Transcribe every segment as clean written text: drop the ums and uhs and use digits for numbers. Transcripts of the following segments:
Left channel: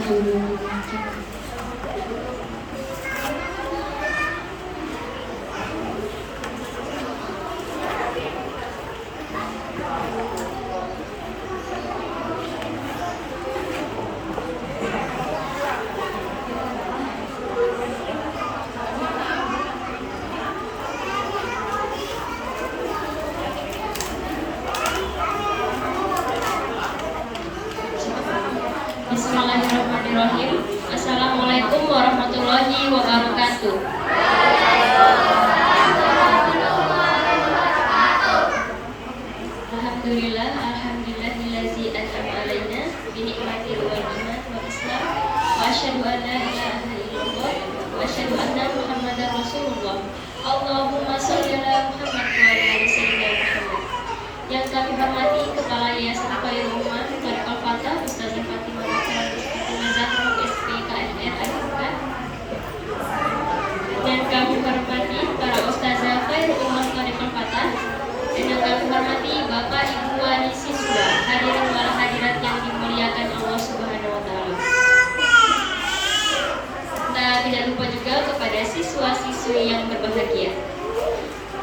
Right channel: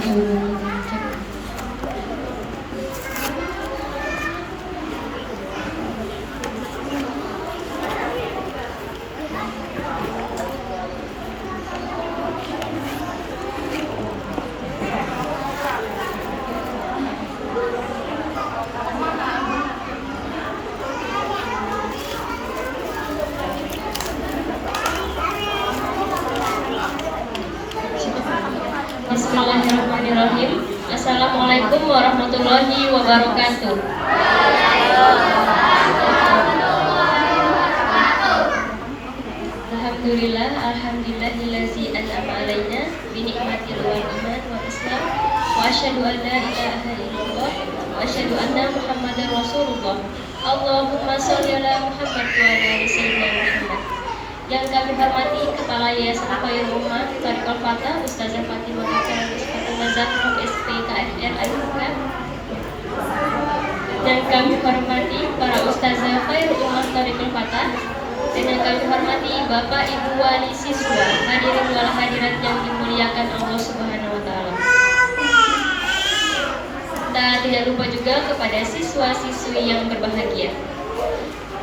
dulu. Bismillahirrahmanirrahim. Assalamualaikum warahmatullahi wabarakatuh. Alhamdulillah, alhamdulillahillazi an'ama alaina bi ni'matil wal iman wal islam wa asyhadu an la ilaha illallah wa asyhadu anna muhammadar rasulullah. Allahumma shalli ala Muhammad wa ala ali sayyidina Muhammad. Yang kami hormati Kepala Yayasan Khairul Ummah Thariqul Fatah Ustazah Fatimah Zahra SPKFR Al-Bukan. Dan kami hormati para Ustazah Khairul Ummah Thariqul Fatah. Dan yang kami hormati Bapak Ibu wali siswa, hadirin wal hadirat yang dimuliakan Allah Subhanahu wa taala. Kita tidak lupa juga kepada siswa-siswi yang berbahagia.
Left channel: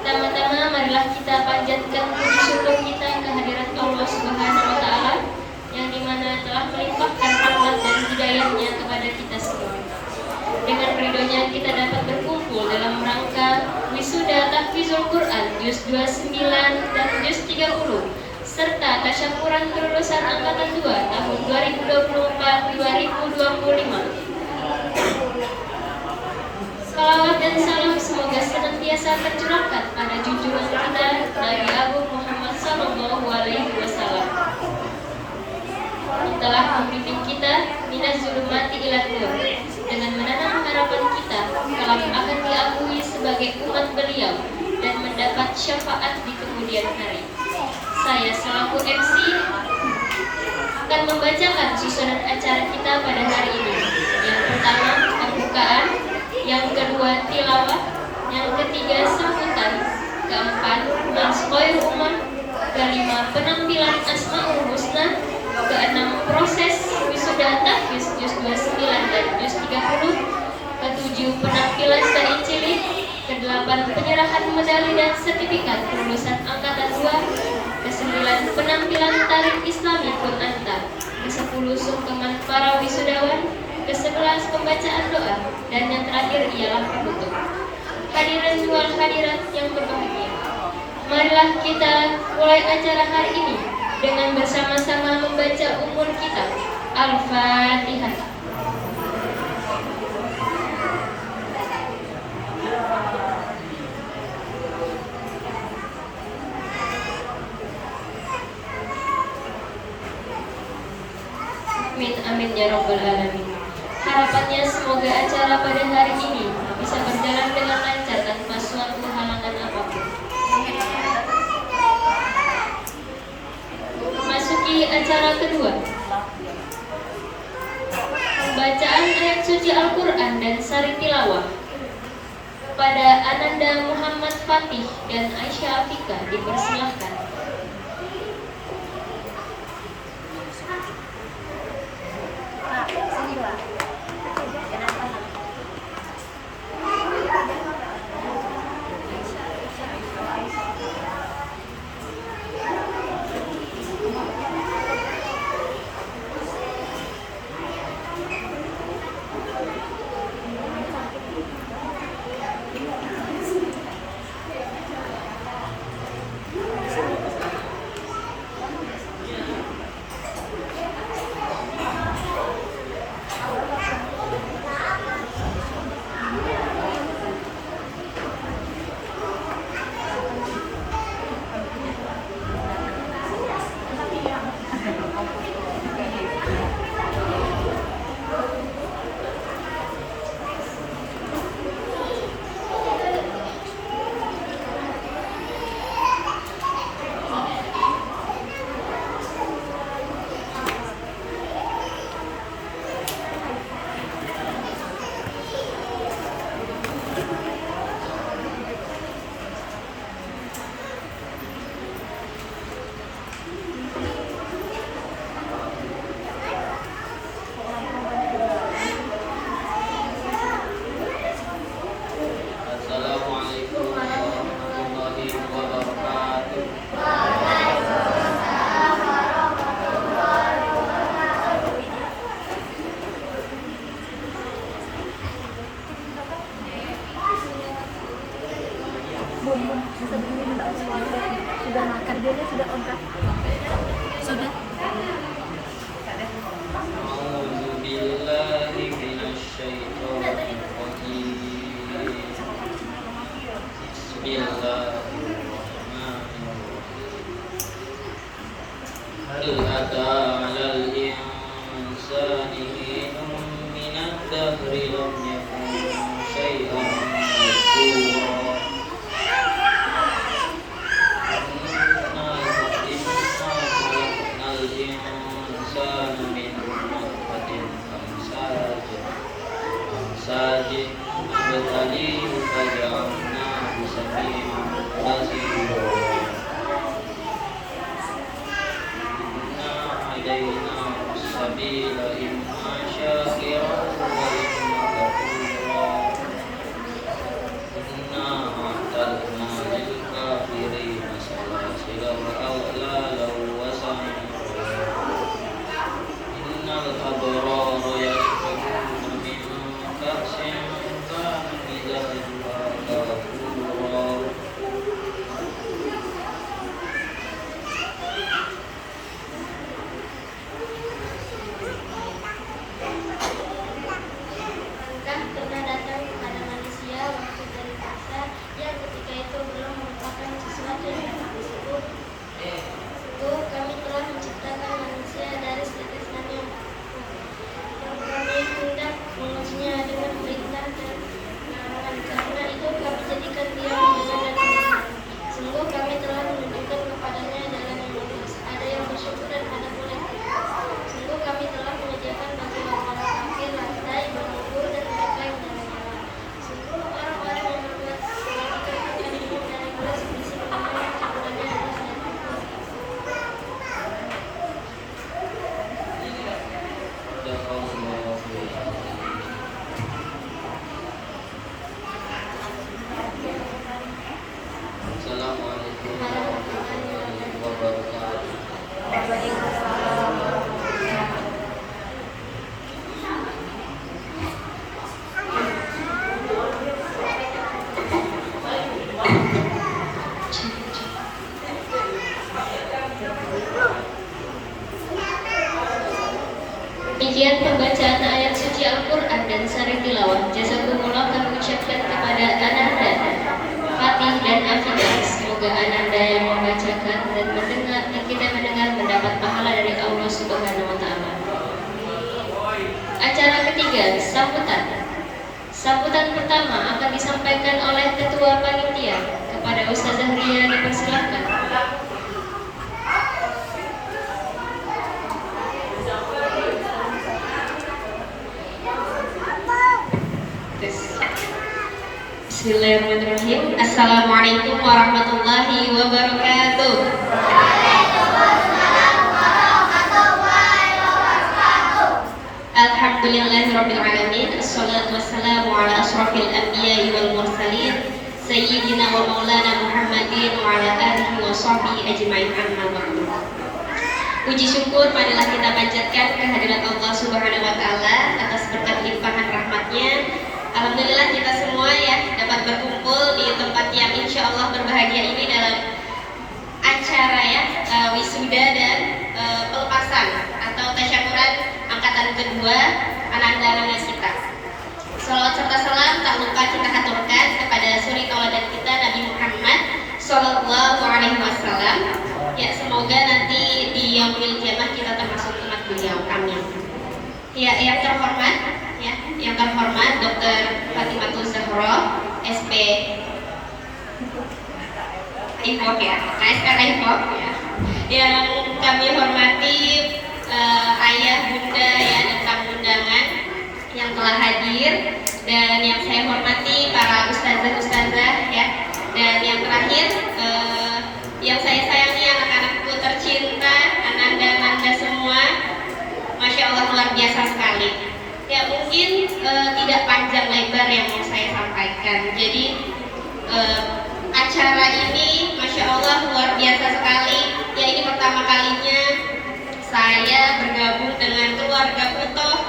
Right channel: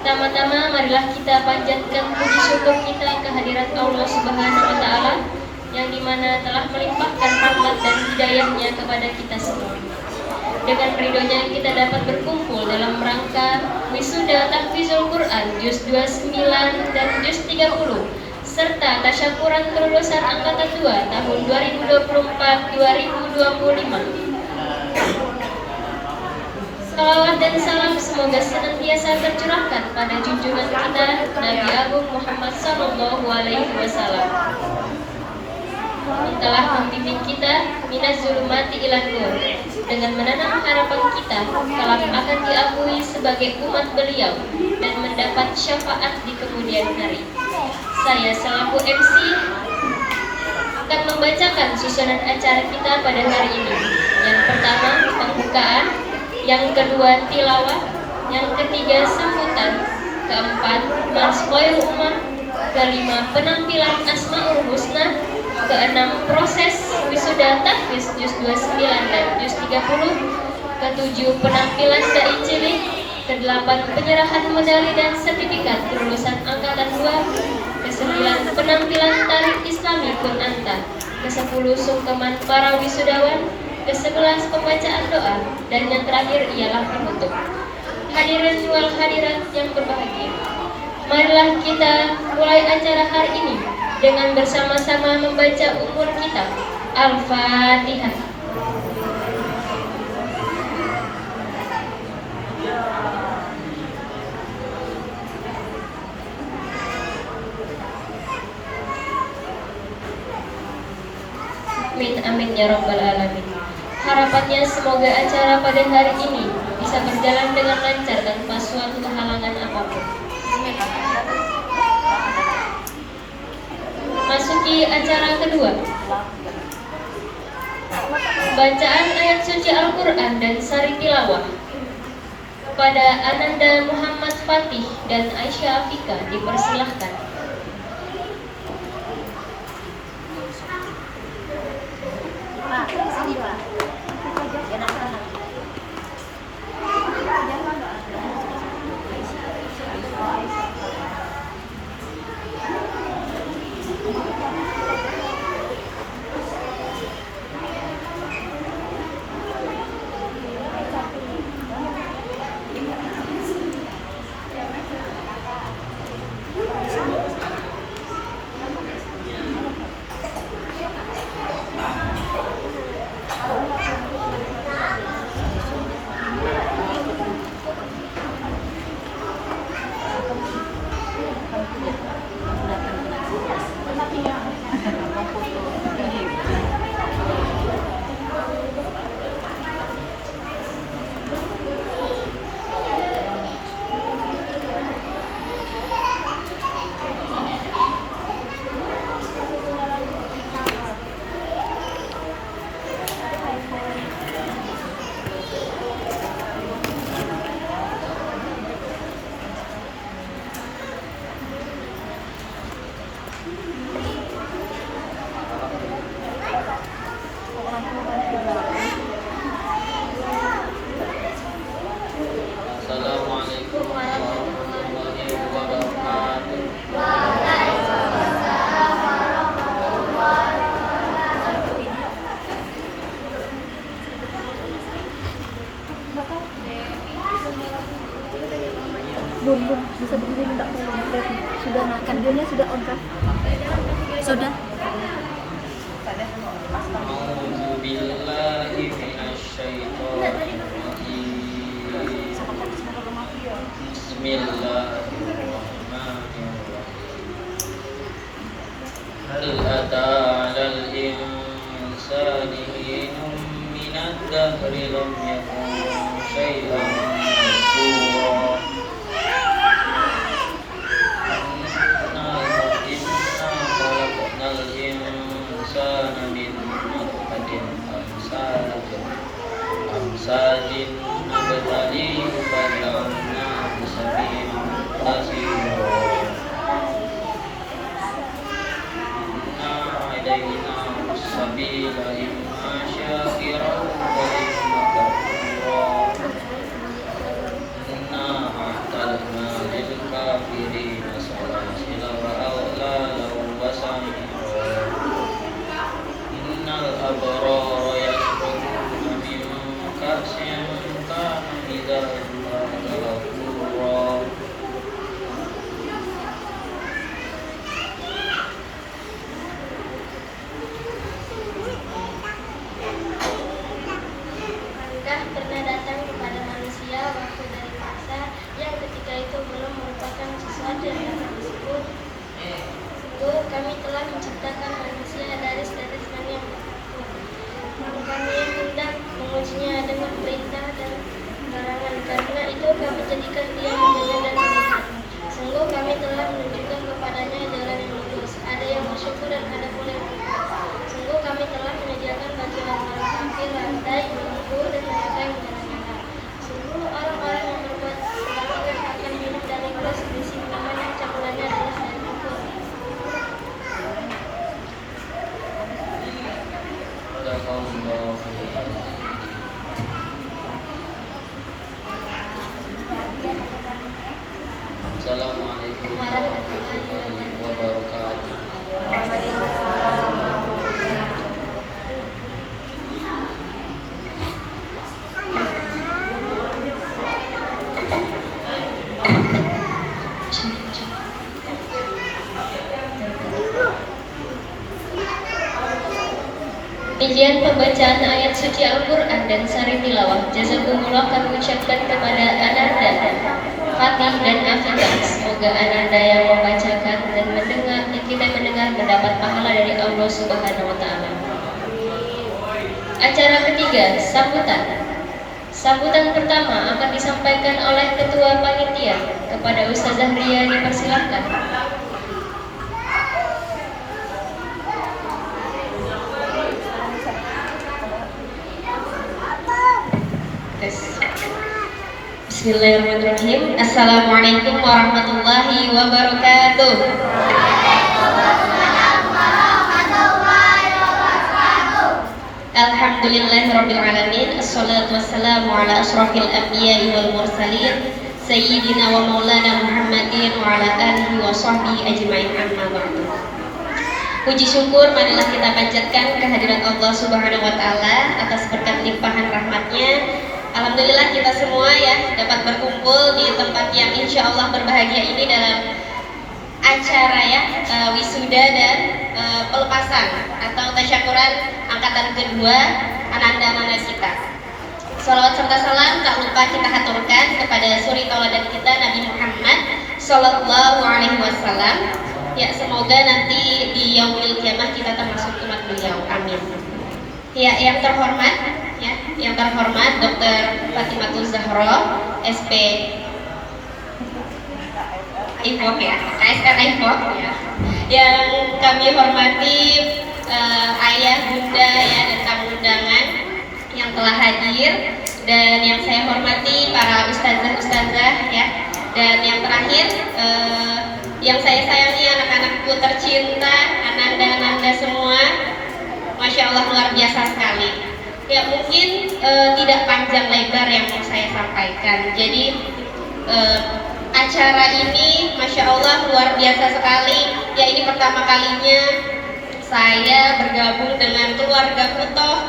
Pertama-tama marilah kita panjatkan puji syukur kita kehadirat Allah Subhanahu wa taala yang dimana telah melimpahkan rahmat dan hidayahnya kepada kita semua. Dengan ridhonya kita dapat berkumpul dalam rangka wisuda tahfizul Quran juz 29 dan juz 30 serta tasyakuran kelulusan angkatan 2 tahun 2024-2025. Salawat dan salam semoga senantiasa tercurahkan pada junjungan kita Nabi Agung Muhammad Sallallahu Alaihi Wasallam yang telah membimbing kita minas zulumati ilah nur dengan menanam harapan kita kelak akan diakui sebagai umat beliau dan mendapat syafaat di kemudian hari. Saya selaku MC akan membacakan susunan acara kita pada hari ini. Yang pertama pembukaan, yang kedua tilawah, yang ketiga sambutan, keempat mars Khairul Ummah, kelima penampilan Asmaul Husna, keenam proses wisuda tahfiz juz 29 dan juz 30, ketujuh penampilan dai cilik, kedelapan penyerahan medali dan sertifikat kelulusan angkatan 2, kesembilan penampilan tari Islami Kunanta, ke-10 sungkeman para wisudawan, ke-11 pembacaan doa, dan yang terakhir ialah penutup. Hadirin wal hadirat yang berbahagia, marilah kita mulai acara hari ini dengan bersama-sama membaca ummul kitab Al-Fatihah. Amin amin ya rabbal alamin. Harapannya semoga acara pada hari ini bisa berjalan dengan lancar tanpa suatu halangan apapun. Masuki acara kedua, bacaan ayat suci Al-Quran dan sari tilawah. Kepada Ananda Muhammad Fatih dan Aisyah Afika dipersilahkan. Sudah. A'udzu billahi minasyaitonir rajim. Bismillahirrahmanirrahim. Hal ata 'alal insani hinun minad dahri lam yakun syai'an madhkura. Sajid betali faja'alna bisabina basira. Inna alaina sabila imma syakira wa imma kafura. Inna a'tadna lil kafirina salasila wa aghlala wa samira. Innal abrara yashrabuna min ka'sin kana mizajuha kafura. Bukankah pernah datang kepada manusia waktu dari masa yang ketika itu belum merupakan sesuatu yang tersebut? Kami telah menciptakan manusia dari setetes mani yang dan kami hendak mengujinya dengan perintah dan larangan. Karena itu kami jadikan dia mendengar dan melihat. Sungguh kami telah menunjukkan kepadanya jalan yang lurus. Ada yang bersyukur dan ada pula yang kufur. Sungguh kami telah menyediakan bagi orang-orang kafir rantai belenggu dan neraka yang menyala. Sungguh orang-orang yang berbuat kebaikan akan minum dari gelas berisi minuman yang campurannya adalah selain kufur. Assalamualaikum warahmatullahi wabarakatuh. Demikian pembacaan ayat suci Al-Quran dan sari tilawah. Jazakumullah kami ucapkan kepada Ananda, Fatih dan Afidah. Semoga Ananda yang membacakan dan mendengar, kita mendengar mendapat pahala dari Allah Subhanahu wa Ta'ala. Acara ketiga, sambutan. Sambutan pertama akan disampaikan oleh Ketua Panitia. Kepada Ustazah Ria dipersilakan. Bismillahirrahmanirrahim. Assalamualaikum warahmatullahi wabarakatuh. Alhamdulillahirrabbilalamin. Assalatu wassalamu ala ashrafil anbiya'i wal mursalin Sayyidina wa maulana Muhammadin wa ala alihi wa sahbihi ajma'in, amma ba'du. Puji syukur marilah kita panjatkan kehadirat Allah Subhanahu wa Ta'ala atas berkat limpahan rahmatnya. Alhamdulillah kita semua ya dapat berkumpul di tempat yang insya Allah berbahagia ini dalam acara ya wisuda dan pelepasan atau tasyakuran angkatan kedua Ananda-Ananda kita. Salawat serta salam tak lupa kita haturkan kepada suri tauladan kita Nabi Muhammad Sallallahu Alaihi Wasallam. Ya, semoga nanti di yaumil kiamah kita termasuk umat beliau. Amin. Ya, yang terhormat Dr. Fatimah Zahra, SP IFOK ya, KSR IFOK ya. Yang kami hormati ayah, bunda ya dan tamu undangan yang telah hadir, dan yang saya hormati para ustazah ya, dan yang terakhir yang saya sayangi anak-anakku tercinta, Ananda semua, Masya Allah luar biasa sekali. Ya mungkin tidak panjang lebar yang mau saya sampaikan. Jadi acara ini Masya Allah luar biasa sekali. Ya ini pertama kalinya saya bergabung dengan keluarga Putoh,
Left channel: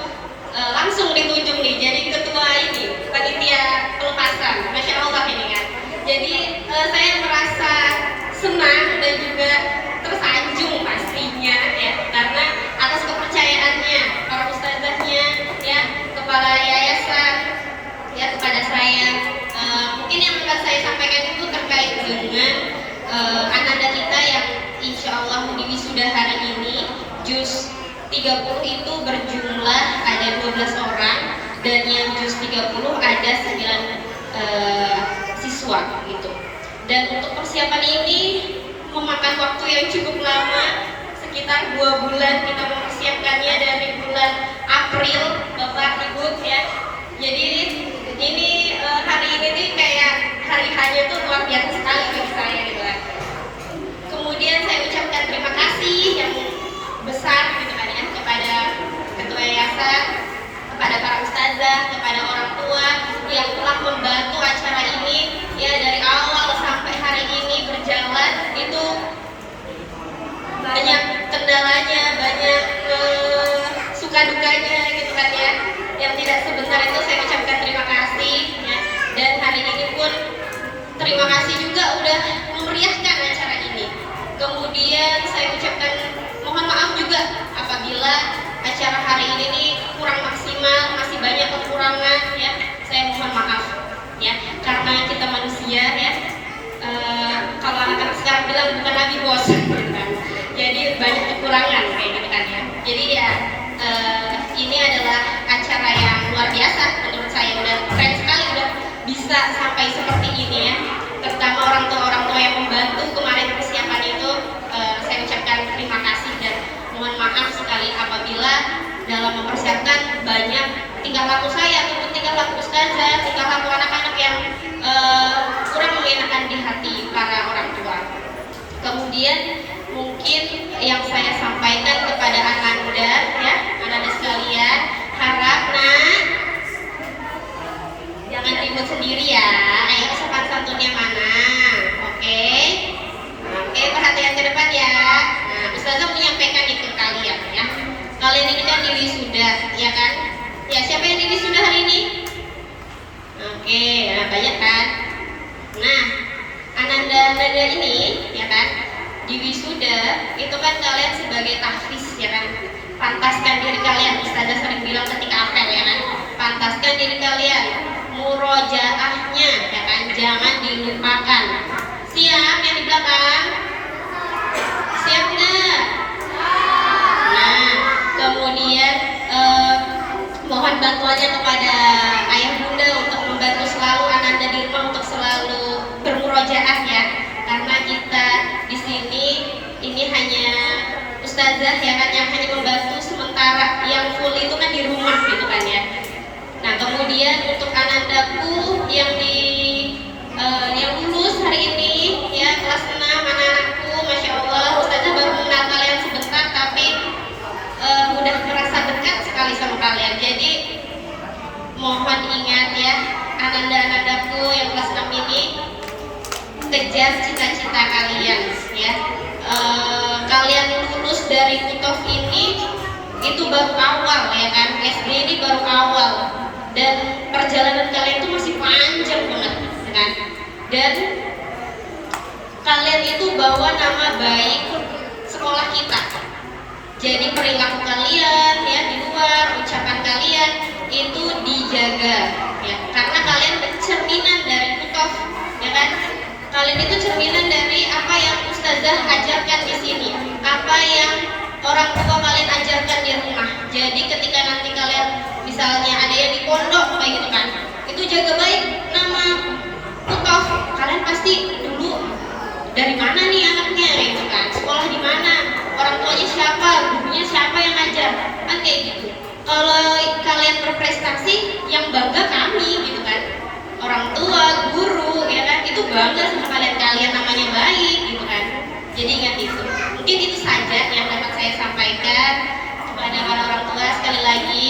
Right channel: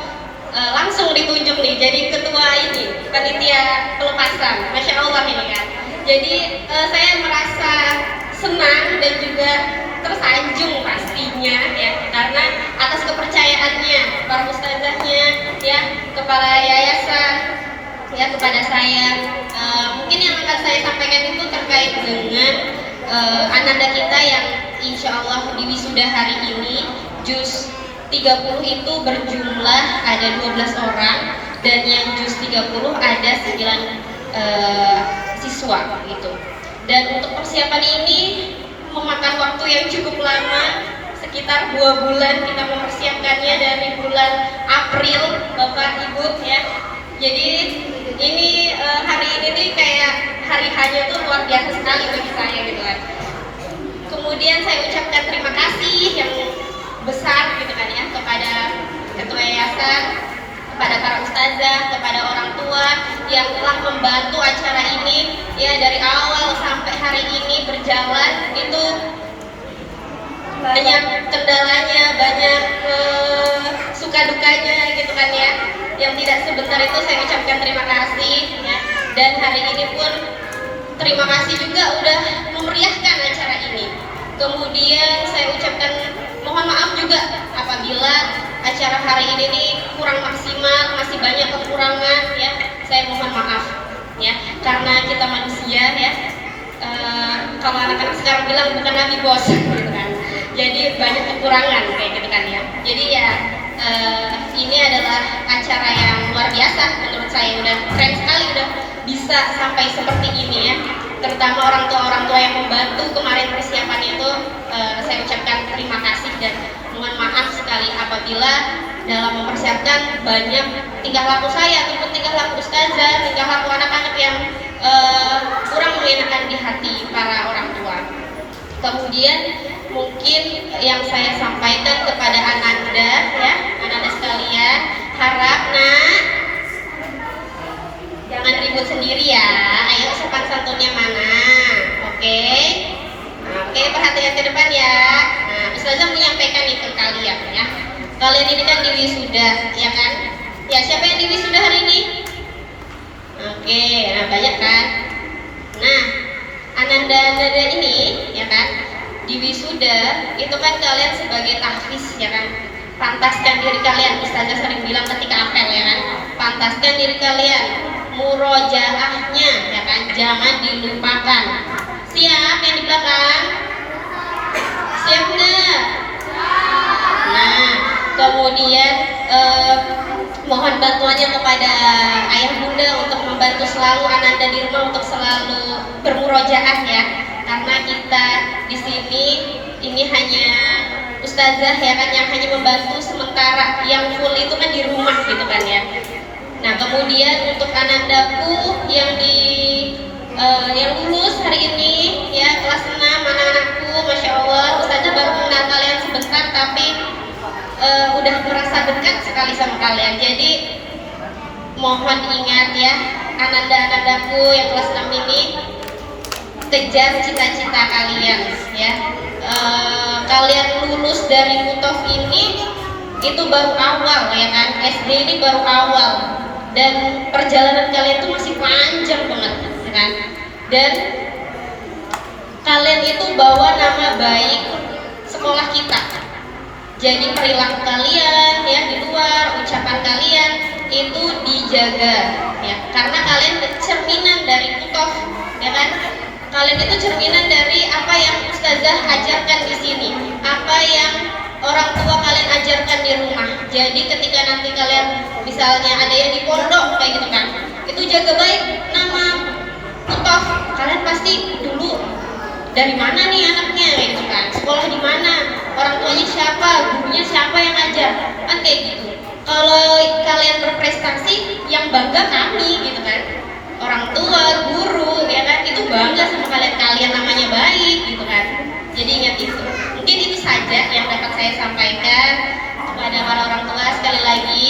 langsung ditunjuk nih jadi ketua ini panitia pelepasan. Masya Allah ini kan. Jadi saya merasa senang dan juga tersanjung pastinya ya, karena atas kepercayaannya para ustazahnya ya, kepala yayasan ya kepada saya. Mungkin yang akan saya sampaikan itu terkait dengan ananda kita yang insya Allah di wisuda hari ini juz 30 itu berjumlah ada 12 orang, dan yang juz 30 ada 9 siswa gitu. Dan untuk persiapan ini memakan waktu yang cukup lama, sekitar 2 bulan kita mempersiapkannya dari bulan April, Bapak Ibu ya. Jadi ini hari ini nih kayak hari hanya tuh luar biasa sekali bagi saya gitu kan. Kemudian saya ucapkan terima kasih yang besar gitu kan ya kepada ketua yayasan, kepada para ustazah, kepada orang tua yang telah membantu acara ini ya dari awal sampai hari ini berjalan. Itu banyak kendalanya, banyak suka dukanya gitu kan ya. Yang tidak sebentar itu saya ucapkan terima kasih ya. Dan hari ini pun terima kasih juga udah memeriahkan acara ini. Kemudian saya ucapkan mohon maaf juga apabila acara hari ini nih kurang maksimal, masih banyak kekurangan ya. Saya mohon maaf ya, karena kita manusia ya. Kalau anak-anak sekarang bilang bukan nabi bos gitu kan. Jadi banyak kekurangan kayak gitu kan ya. Jadi ya ini adalah acara yang luar biasa menurut saya, udah keren sekali udah bisa sampai seperti ini ya. Terutama orang tua yang membantu kemarin persiapan itu, saya ucapkan terima kasih dan mohon maaf sekali apabila dalam mempersiapkan banyak tingkah laku saya ataupun tingkah laku ustazah, tingkah laku anak-anak yang kurang mengenakan di hati para orang tua. Kemudian mungkin yang saya sampaikan kepada ananda ya, ananda sekalian, harap nak jangan ribut sendiri ya. Ayo sopan santunnya mana? Oke, perhatian ke depan ya. Nah, ustazah menyampaikan itu ke kalian ya. Kalian ini kan di wisuda ya kan? Ya, siapa yang di wisuda hari ini? Oke, nah banyak kan? Nah, ananda-ananda ini ya kan, di wisuda itu kan kalian sebagai tahfiz ya kan, pantaskan diri kalian, ustazah sering bilang ketika apel ya kan, pantaskan diri kalian, murojaahnya ya kan, jangan dilupakan. Siap yang di belakang? Siap nggak? Nah, kemudian mohon bantuannya kepada ayah bunda untuk membantu selalu ananda di rumah untuk selalu bermurojaah ya, karena kita di sini ini hanya ustazah ya kan yang hanya membantu sementara, yang full itu kan di rumah gitu kan ya. Nah, kemudian untuk anandaku yang yang lulus hari ini ya, kelas 6 anak-anakku, masya Allah ustazah baru mengenal kalian sebentar tapi udah merasa dekat sekali sama kalian. Jadi mohon ingat ya ananda-anandaku yang kelas 6 ini, kejar cita-cita kalian ya. Kalian lulus dari Kutof ini itu baru awal ya kan, SD ini baru awal, dan perjalanan kalian itu masih panjang banget ya kan. Dan kalian itu bawa nama baik sekolah kita. Jadi perilaku kalian ya di luar, ucapan kalian itu dijaga ya, karena kalian cerminan dari Kutof ya kan. Kalian itu cerminan dari apa yang ustazah ajarkan di sini, apa yang orang tua kalian ajarkan di rumah. Jadi ketika nanti kalian misalnya ada yang di pondok kayak gitu kan, itu jaga baik nama Kutof. Kalian pasti dulu dari mana nih anaknya gitu kan, sekolah di mana, orang tuanya siapa, gurunya siapa yang ngajar, kan kayak gitu. Kalau kalian berprestasi, yang bangga kami gitu kan, orang tua, guru ya kan, itu bangga sama kalian, kalian namanya baik gitu kan. Jadi ingat itu. Mungkin itu saja yang dapat saya sampaikan kepada para orang tua. Sekali lagi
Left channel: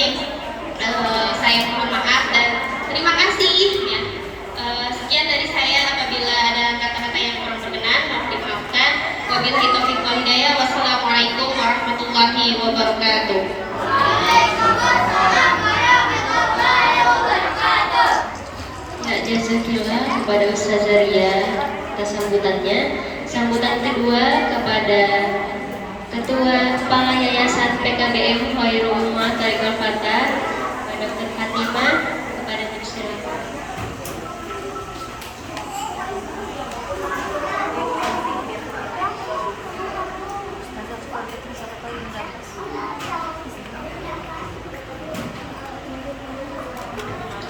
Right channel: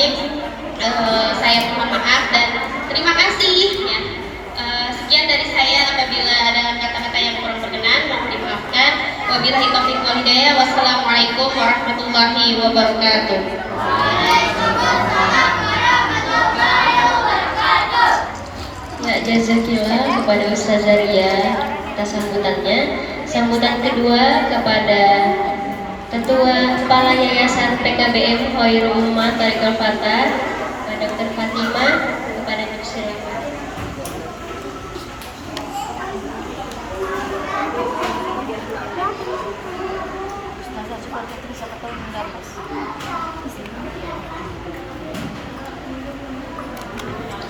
saya mohon maaf dan terima kasih ya. Sekian dari saya, apabila ada kata-kata yang kurang berkenan mohon dimaafkan. Wabillahi taufiq wal hidayah. Wassalamualaikum warahmatullahi wabarakatuh. Ya, jazakillah kepada Ustazah Ria atas sambutannya. Sambutan kedua kepada Ketua Kepala Yayasan PKBM Khairul Ummah Thariqul Fatah, Pak Dr. Fatimah, kepada dipersilakan.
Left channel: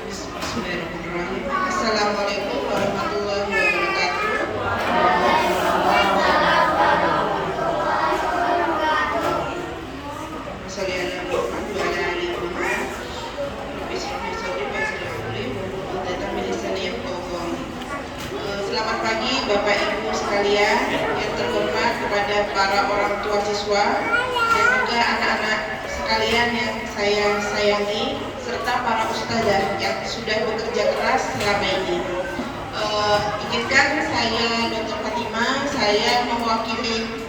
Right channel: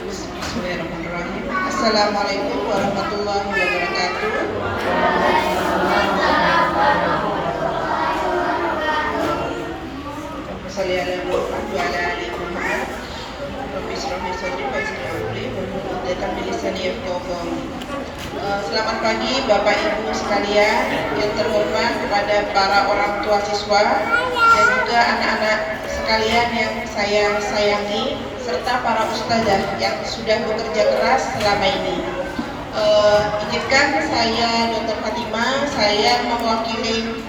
Bismillahirrahmanirrahim. Assalamualaikum warahmatullahi wabarakatuh. Selamat pagi Bapak Ibu sekalian, yang terhormat kepada para orang tua siswa dan juga anak-anak sekalian yang saya sayangi, serta para ustazah yang sudah bekerja keras selama ini. Izinkan saya Dr. Fatimah, saya mewakili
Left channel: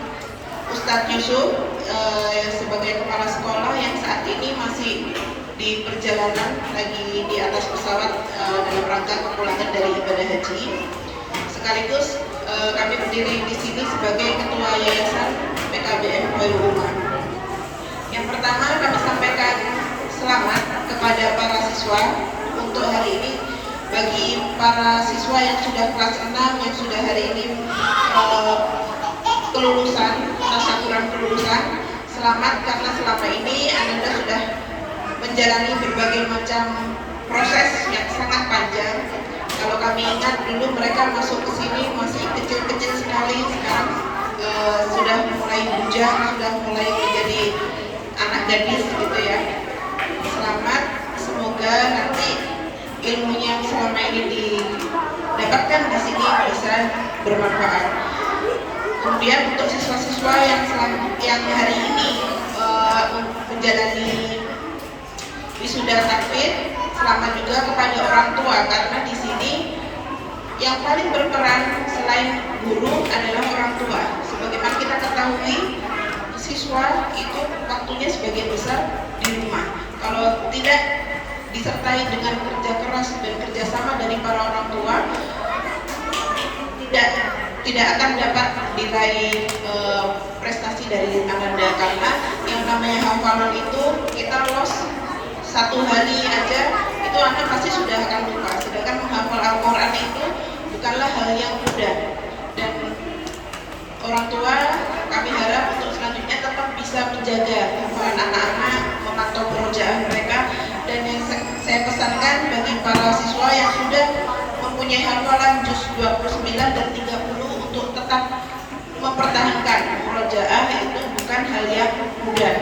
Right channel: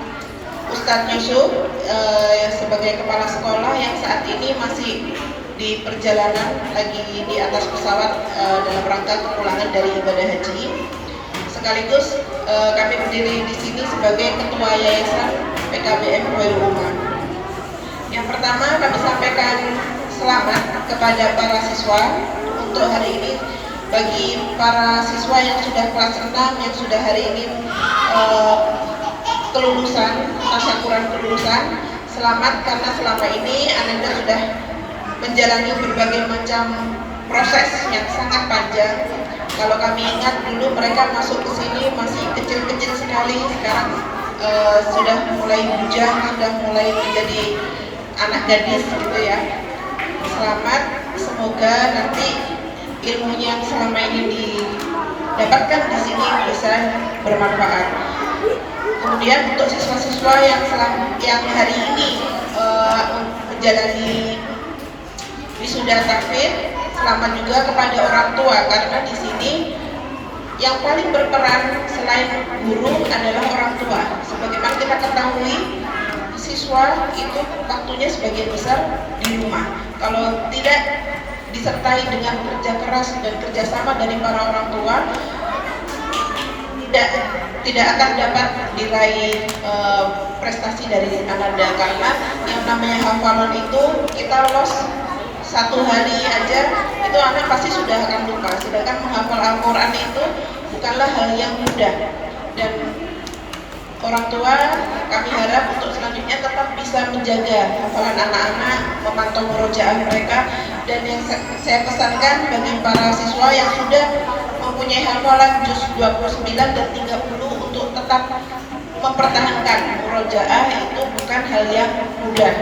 Ustadz Yusuf sebagai kepala sekolah yang saat ini masih di perjalanan, lagi di atas pesawat dalam rangka kepulangan dari ibadah haji. Sekaligus kami berdiri di sini sebagai ketua yayasan PKBM Khairul Ummah. Yang pertama kami sampaikan selamat kepada para siswa untuk hari ini. Bagi para siswa yang sudah kelas 6 yang sudah hari ini kelulusan, tasyakuran kelulusan, selamat karena selama ini Anda sudah menjalani berbagai macam proses yang sangat panjang. Kalau kami ingat dulu mereka masuk ke sini masih kecil-kecil sekali, sekarang sudah mulai bujang, sudah mulai menjadi anak gadis gitu ya. Selamat, semoga nanti ilmu yang selama ini didapatkan di sini bisa bermanfaat. Kemudian untuk siswa-siswa yang hari ini menjalani wisuda takfir, selamat juga kepada orang tua, karena di sini yang paling berperan selain guru adalah orang tua. Sebagaimana kita ketahui, siswa itu waktunya sebagian besar di rumah. Kalau tidak disertai dengan kerja keras dan kerjasama dari para orang tua, tidak akan dapat diraih prestasi dari Ananda, karena yang namanya hafalan itu kita los satu hari aja itu anak pasti sudah akan lupa, sedangkan menghafal Al-Quran itu bukanlah hal yang mudah. Dan orang tua kami harap untuk selanjutnya tetap bisa menjaga hafalan anak-anak, memantau murojaah mereka. Dan yang saya pesankan bagi para siswa yang sudah mempunyai hafalan juz 29 dan 30 untuk tetap mempertahankan murojaah, itu bukan hal yang mudah.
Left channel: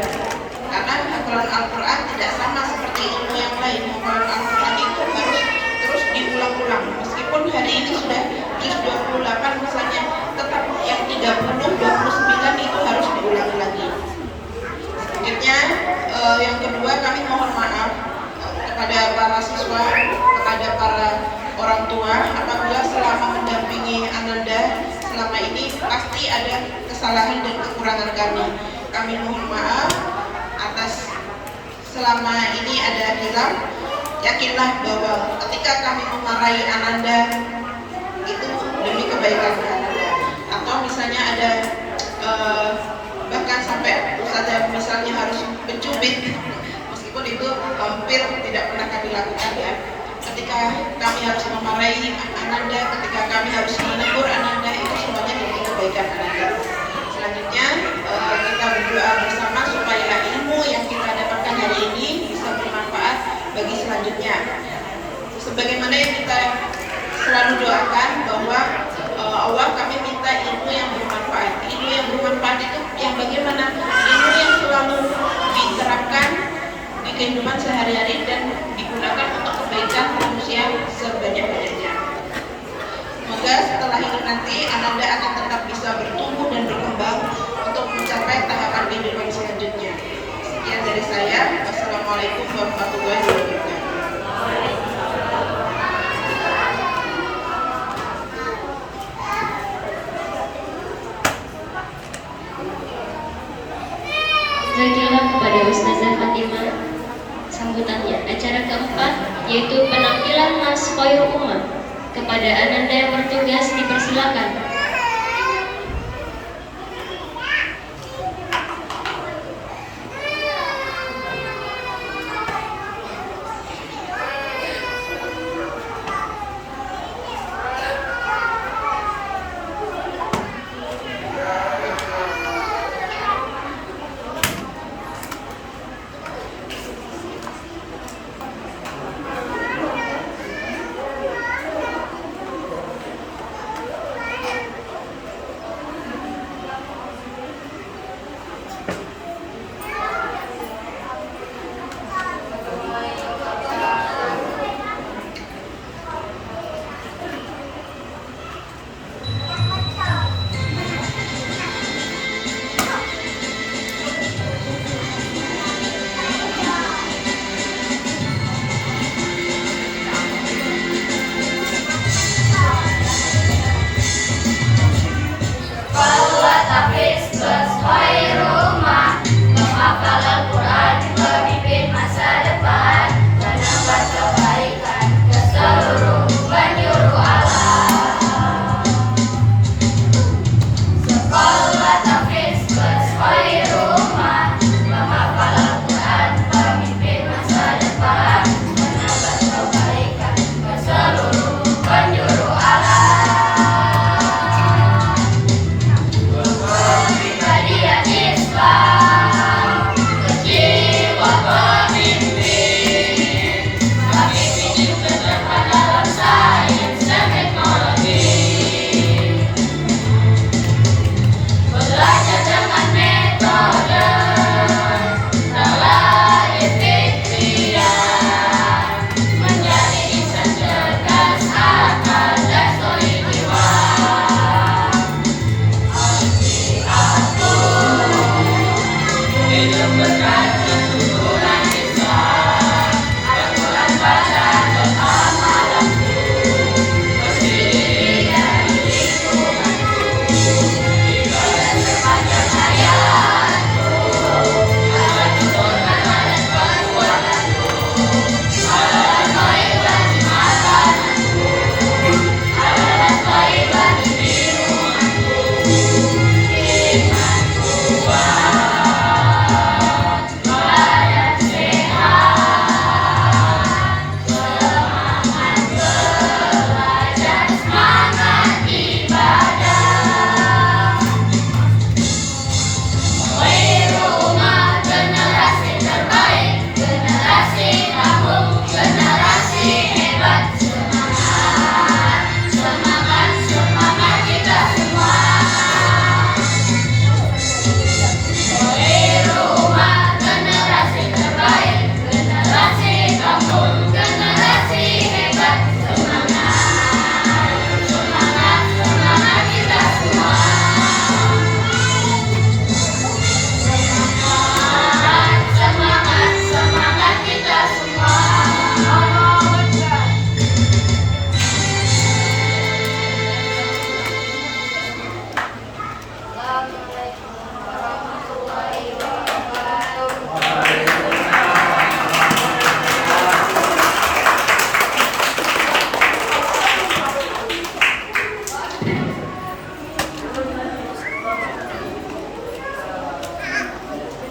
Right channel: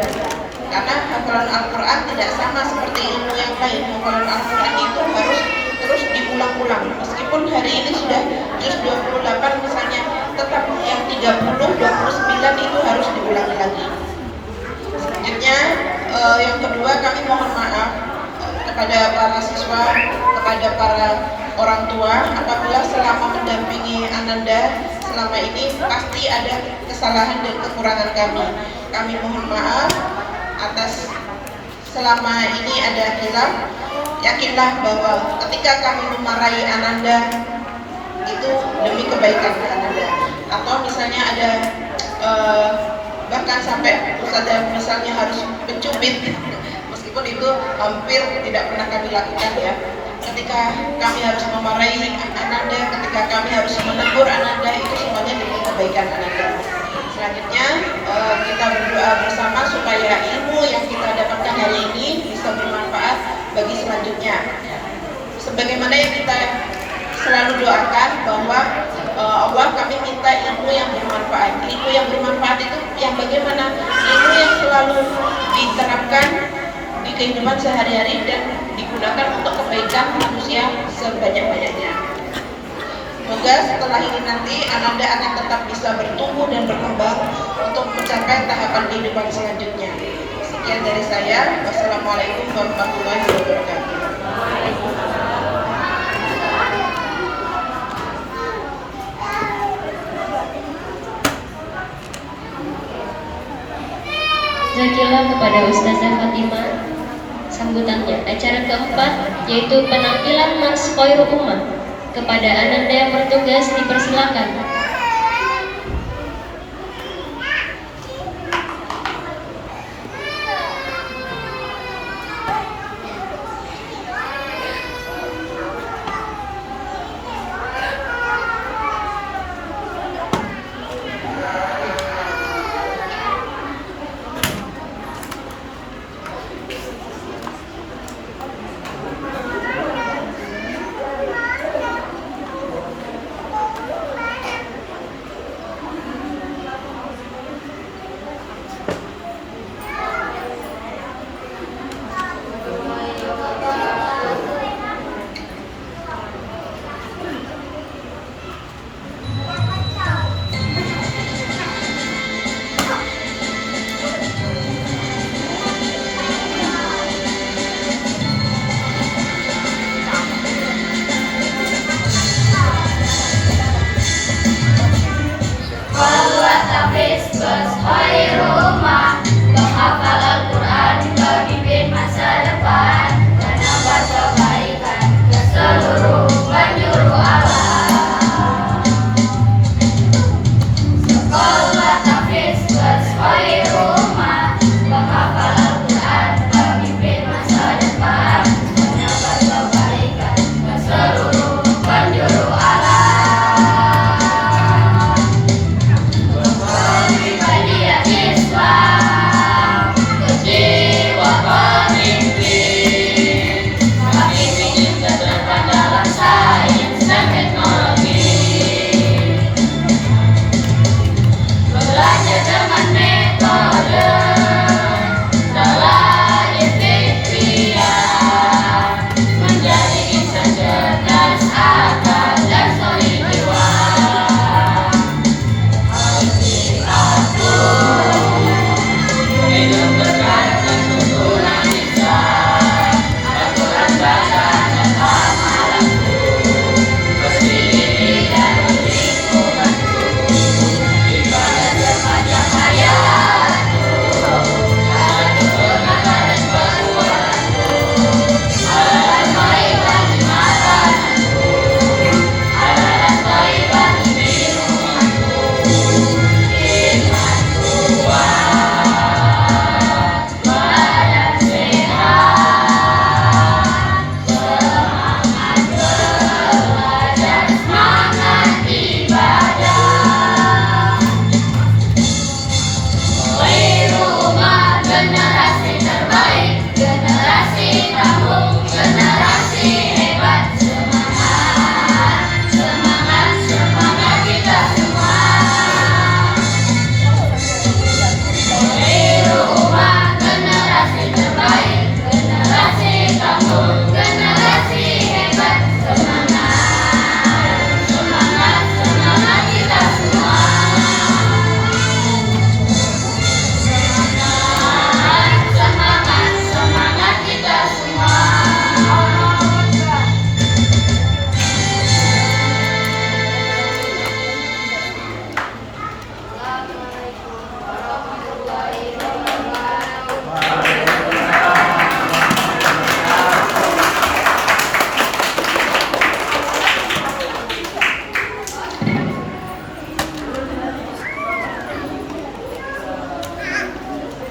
Karena hafalan Al-Quran tidak sama seperti ilmu yang lain. Hafalan Al-Quran itu harus terus diulang-ulang. Meskipun hari ini sudah juz 28 misalnya, tetap yang 30, 29 itu harus diulangi lagi. Selanjutnya yang kedua, kami mohon maaf kepada para siswa, kepada para orang tua, apabila selama mendampingi Ananda selama ini pasti ada kesalahan dan kekurangan kami. Kami mohon maaf atas selama ini ada hilaf. Yakinlah bahwa ketika kami memarahi Ananda itu demi kebaikan Ananda. Atau misalnya ada bahkan sampai ustazah misalnya harus mencubit, meskipun itu hampir tidak pernah kami lakukan ya. Ketika kami harus memarahi Ananda, ketika kami harus menegur Ananda, itu semuanya demi kebaikan Ananda. Selanjutnya kita berdoa bersama supaya ilmu yang kita dapatkan hari ini bisa bermanfaat bagi selanjutnya. Sebagaimana yang kita selalu doakan bahwa Allah, kami minta ilmu yang bermanfaat. Ilmu yang bermanfaat itu yang bagaimana? Ilmu yang selalu diterapkan di kehidupan sehari-hari dan digunakan untuk kebaikan manusia sebanyak-banyaknya. Semoga setelah ini nanti Ananda akan tetap bisa bertumbuh dan berkembang untuk mencapai tahapan kehidupan selanjutnya. Sekian dari saya. Wassalamualaikum warahmatullahi wabarakatuh. Jazakallah kepada Ustazah Fatimah. Sambutannya, acara keempat yaitu penampilan Mas Khairul Ummah. Kepada Ananda yang bertugas dipersilakan.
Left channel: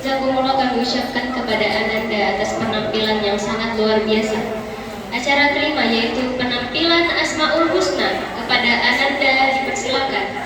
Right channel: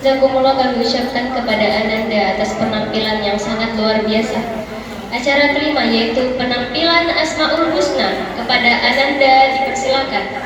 Jazakumullah kami ucapkan kepada Ananda atas penampilan yang sangat luar biasa. Acara kelima yaitu penampilan Asmaul Husna. Kepada Ananda dipersilakan.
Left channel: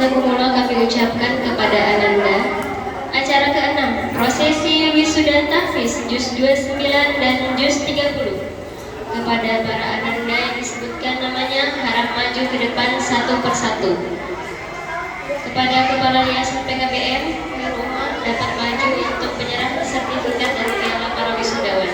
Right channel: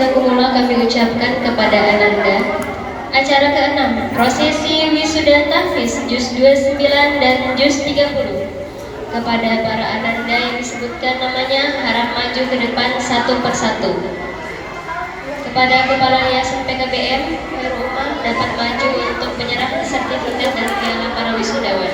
Jazakumullah kami ucapkan kepada Ananda. Acara ke-6, prosesi wisuda tahfiz juz 29 dan juz 30. Kepada para Ananda yang disebutkan namanya harap maju ke depan satu persatu. Kepada Kepala Yayasan PKBM, Rumah dapat maju untuk penyerahan sertifikat dan piala para wisudawan.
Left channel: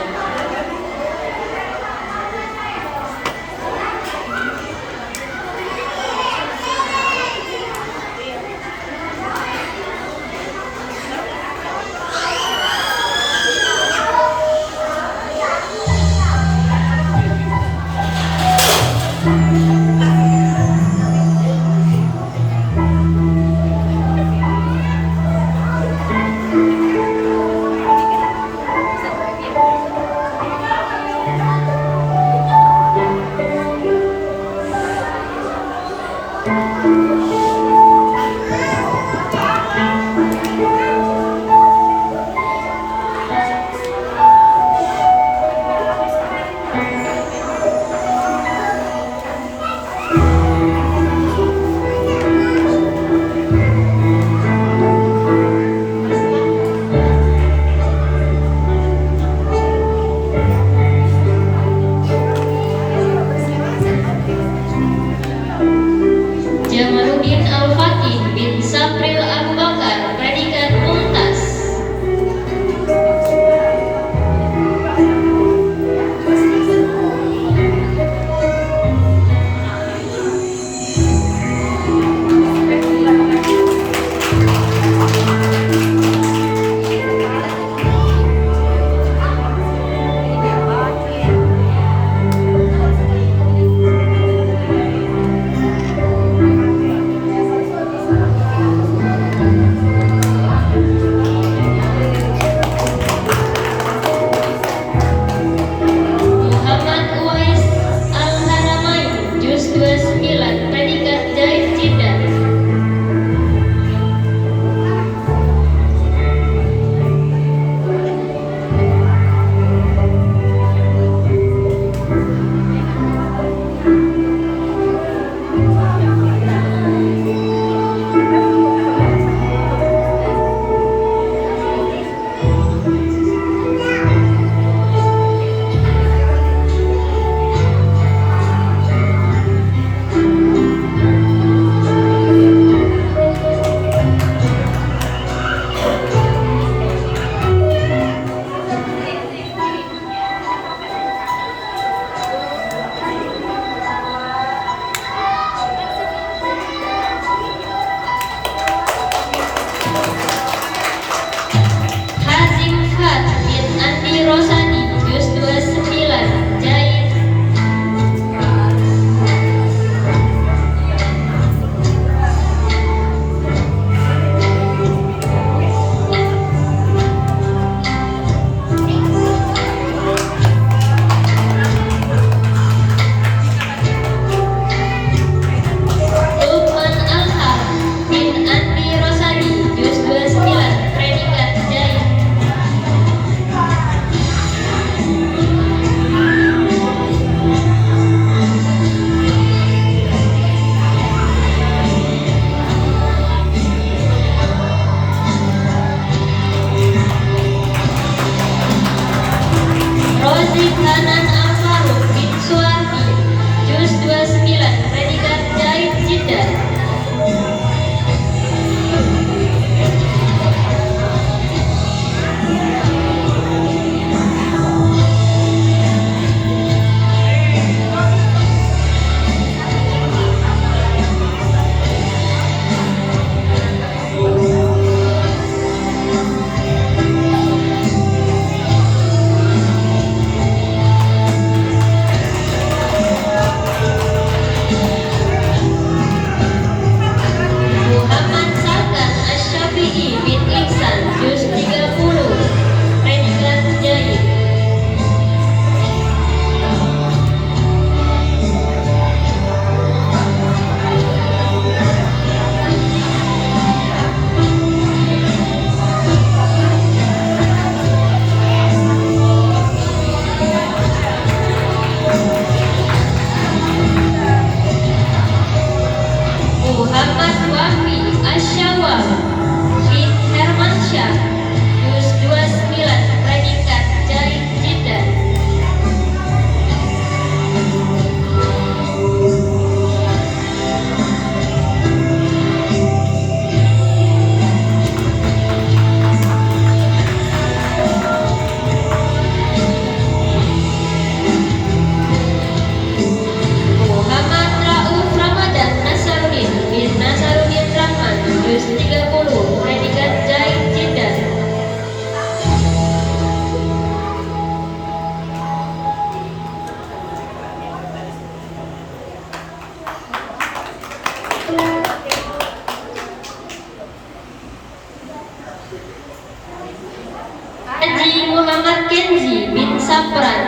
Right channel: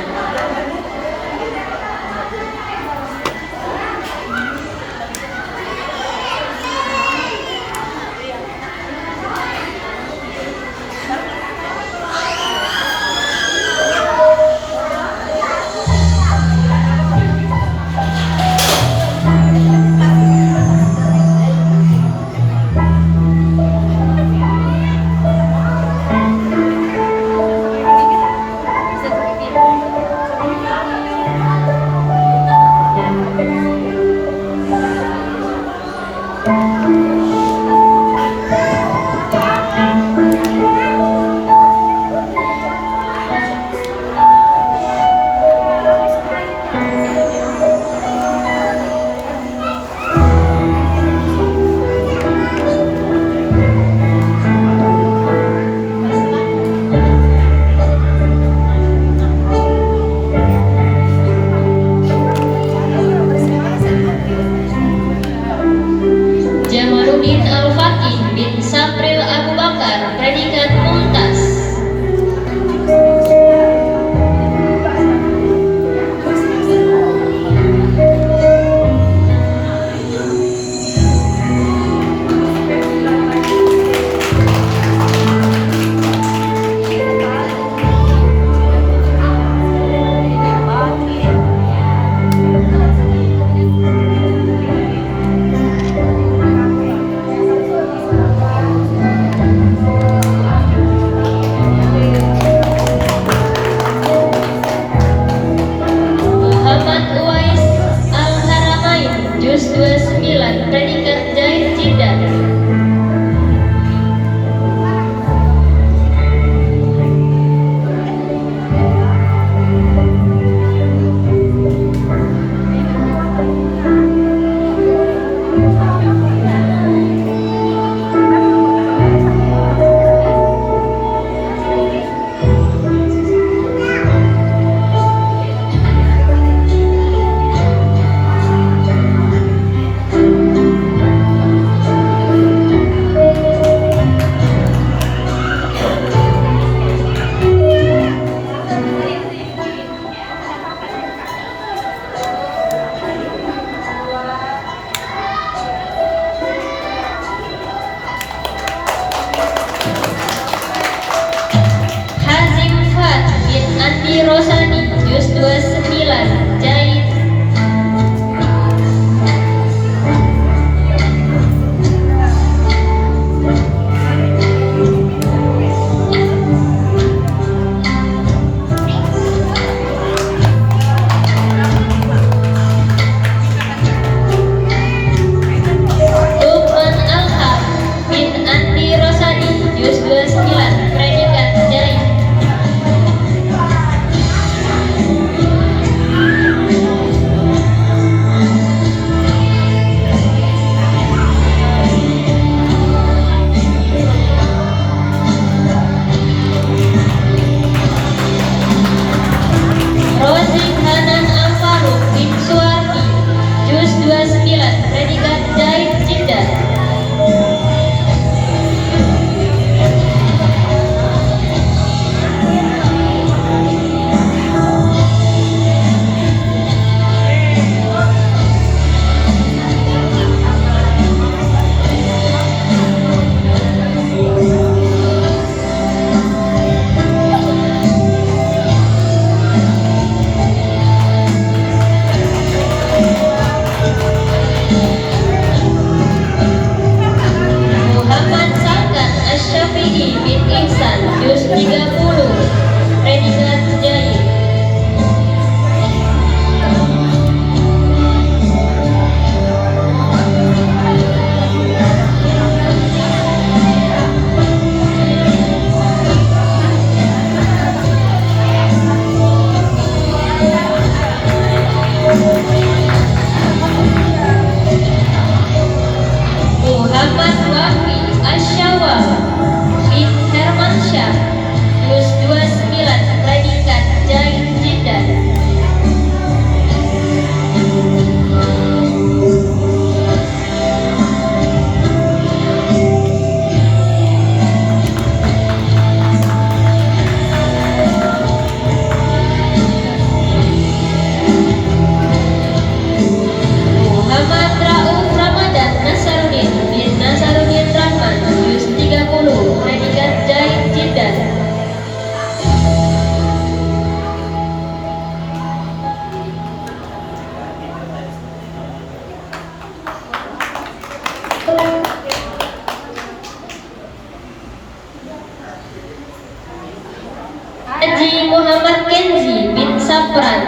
Haji Muhammad Kenzi bin Sapran,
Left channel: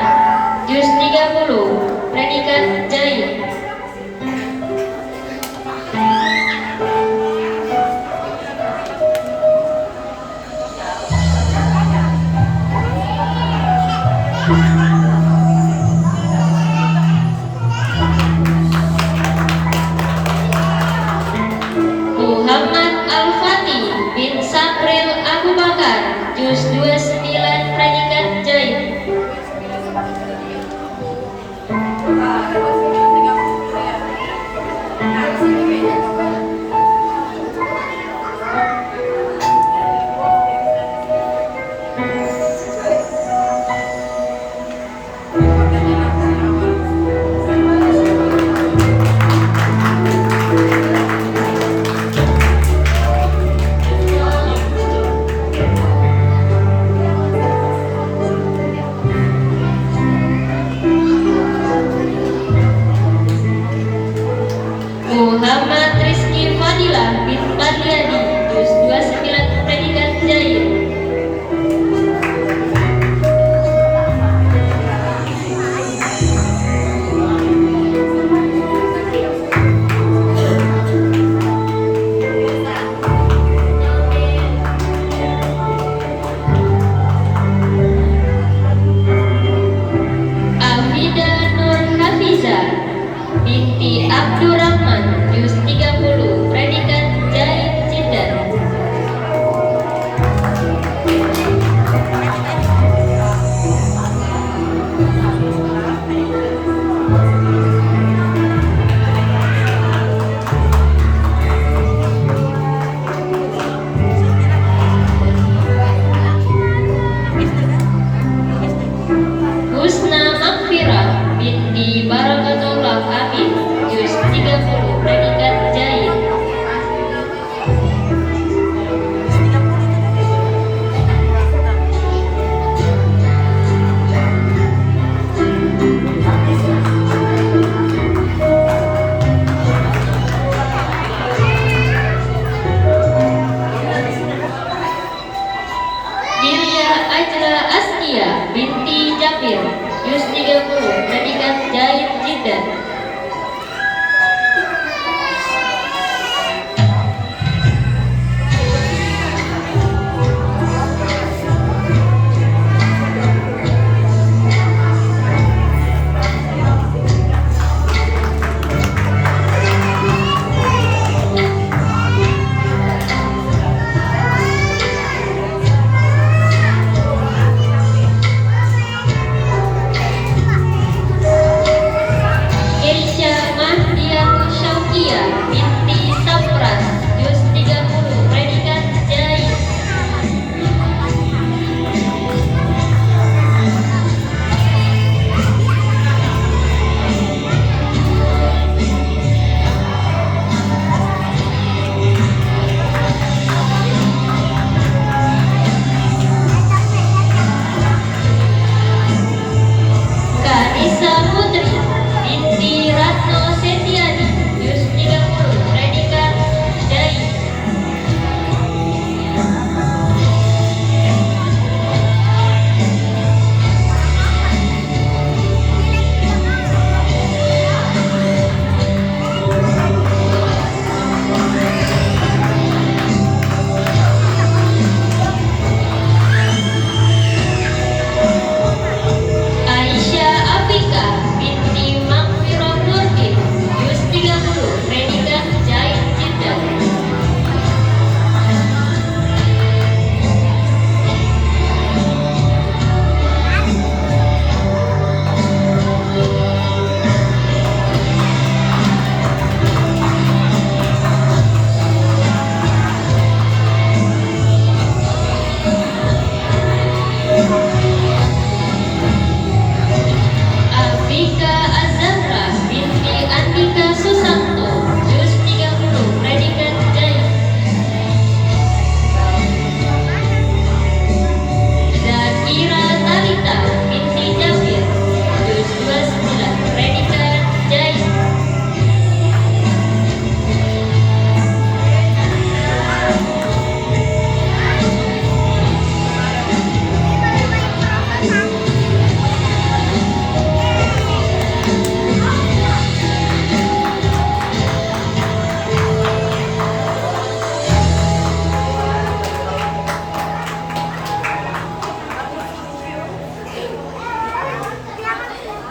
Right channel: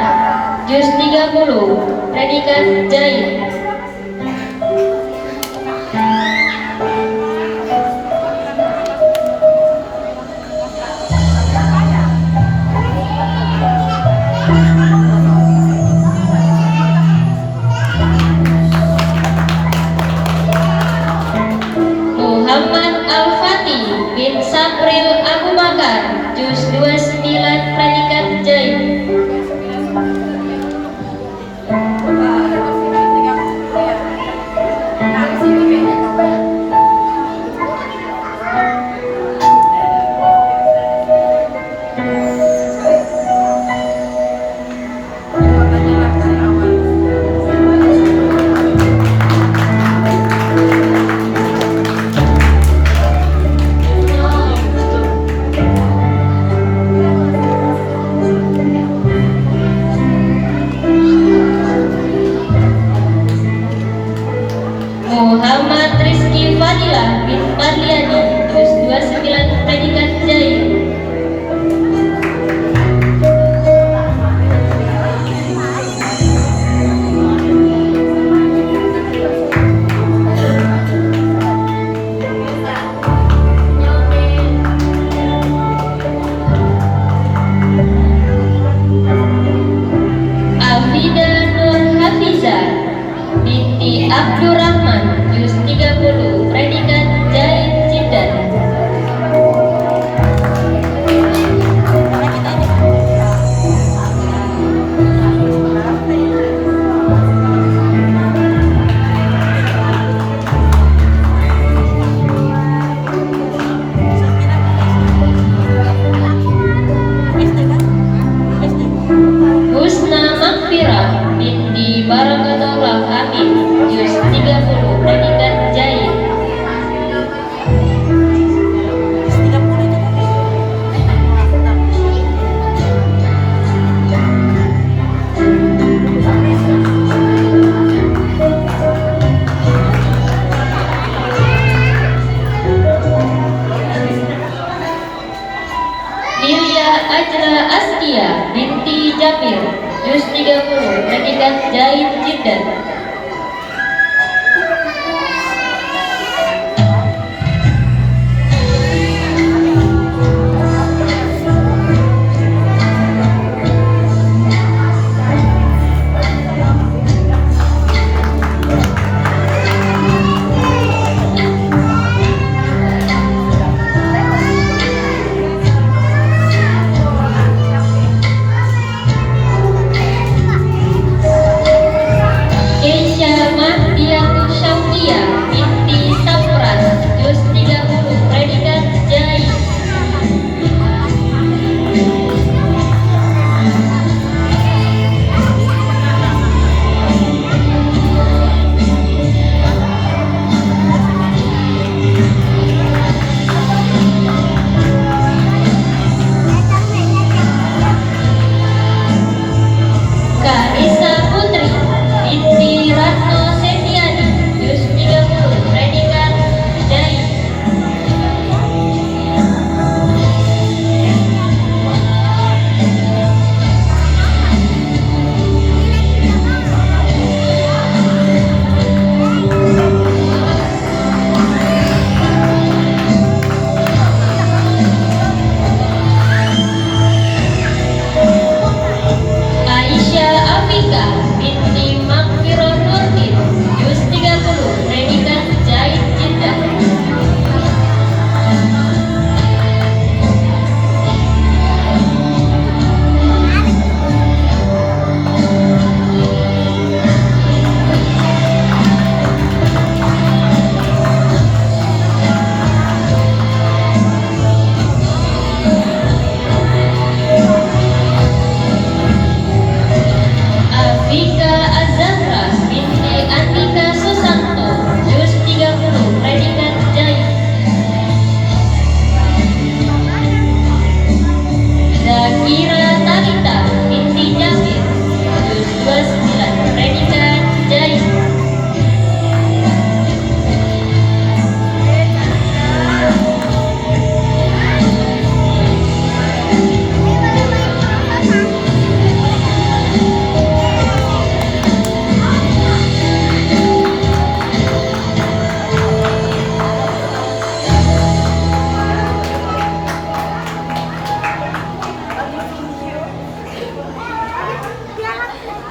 juz 30, predikat jahit. Muhammad Al-Fatih bin Sapril Abu Bakar, juz 29, predikat jahit. Muhammad Rizky Fadilah bin Fadliani, juz 29, predikat jahit. Afida Nur Hafiza binti Abdurrahman, juz 30, predikat jahit Jeddah. Husna Makfirah binti Barakatullah Amin, juz 30, predikat jahit. Hilya Ajra Askia binti Jabir, juz 30, predikat jahit Jeddah.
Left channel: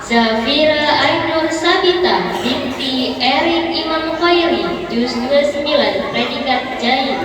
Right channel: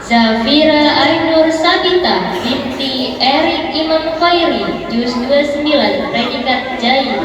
Zafira Ainur Sabita binti Erik Imam Khairi, juz 29, predikat Jaid.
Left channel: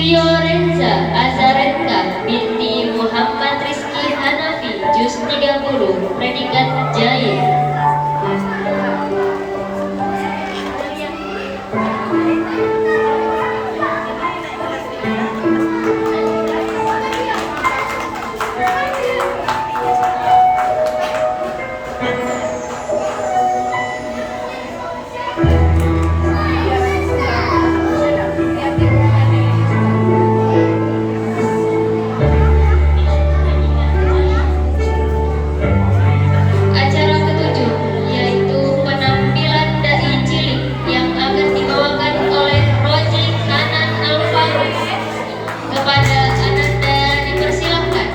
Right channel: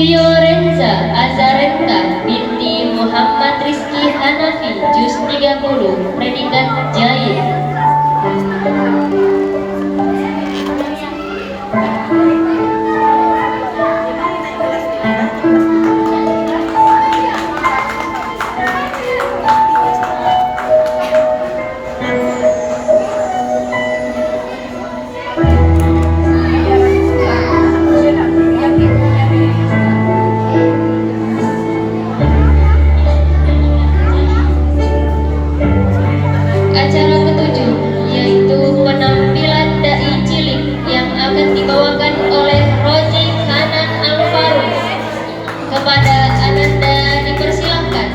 Fiorenza Azarenta binti Muhammad Rizki Hanafi, juz 30, predikat Jaid. Acara ketujuh yaitu penampilan dai cilik yang akan dibawakan oleh Roji Hanan Alvaro. Kepada Ananda dipersilakan.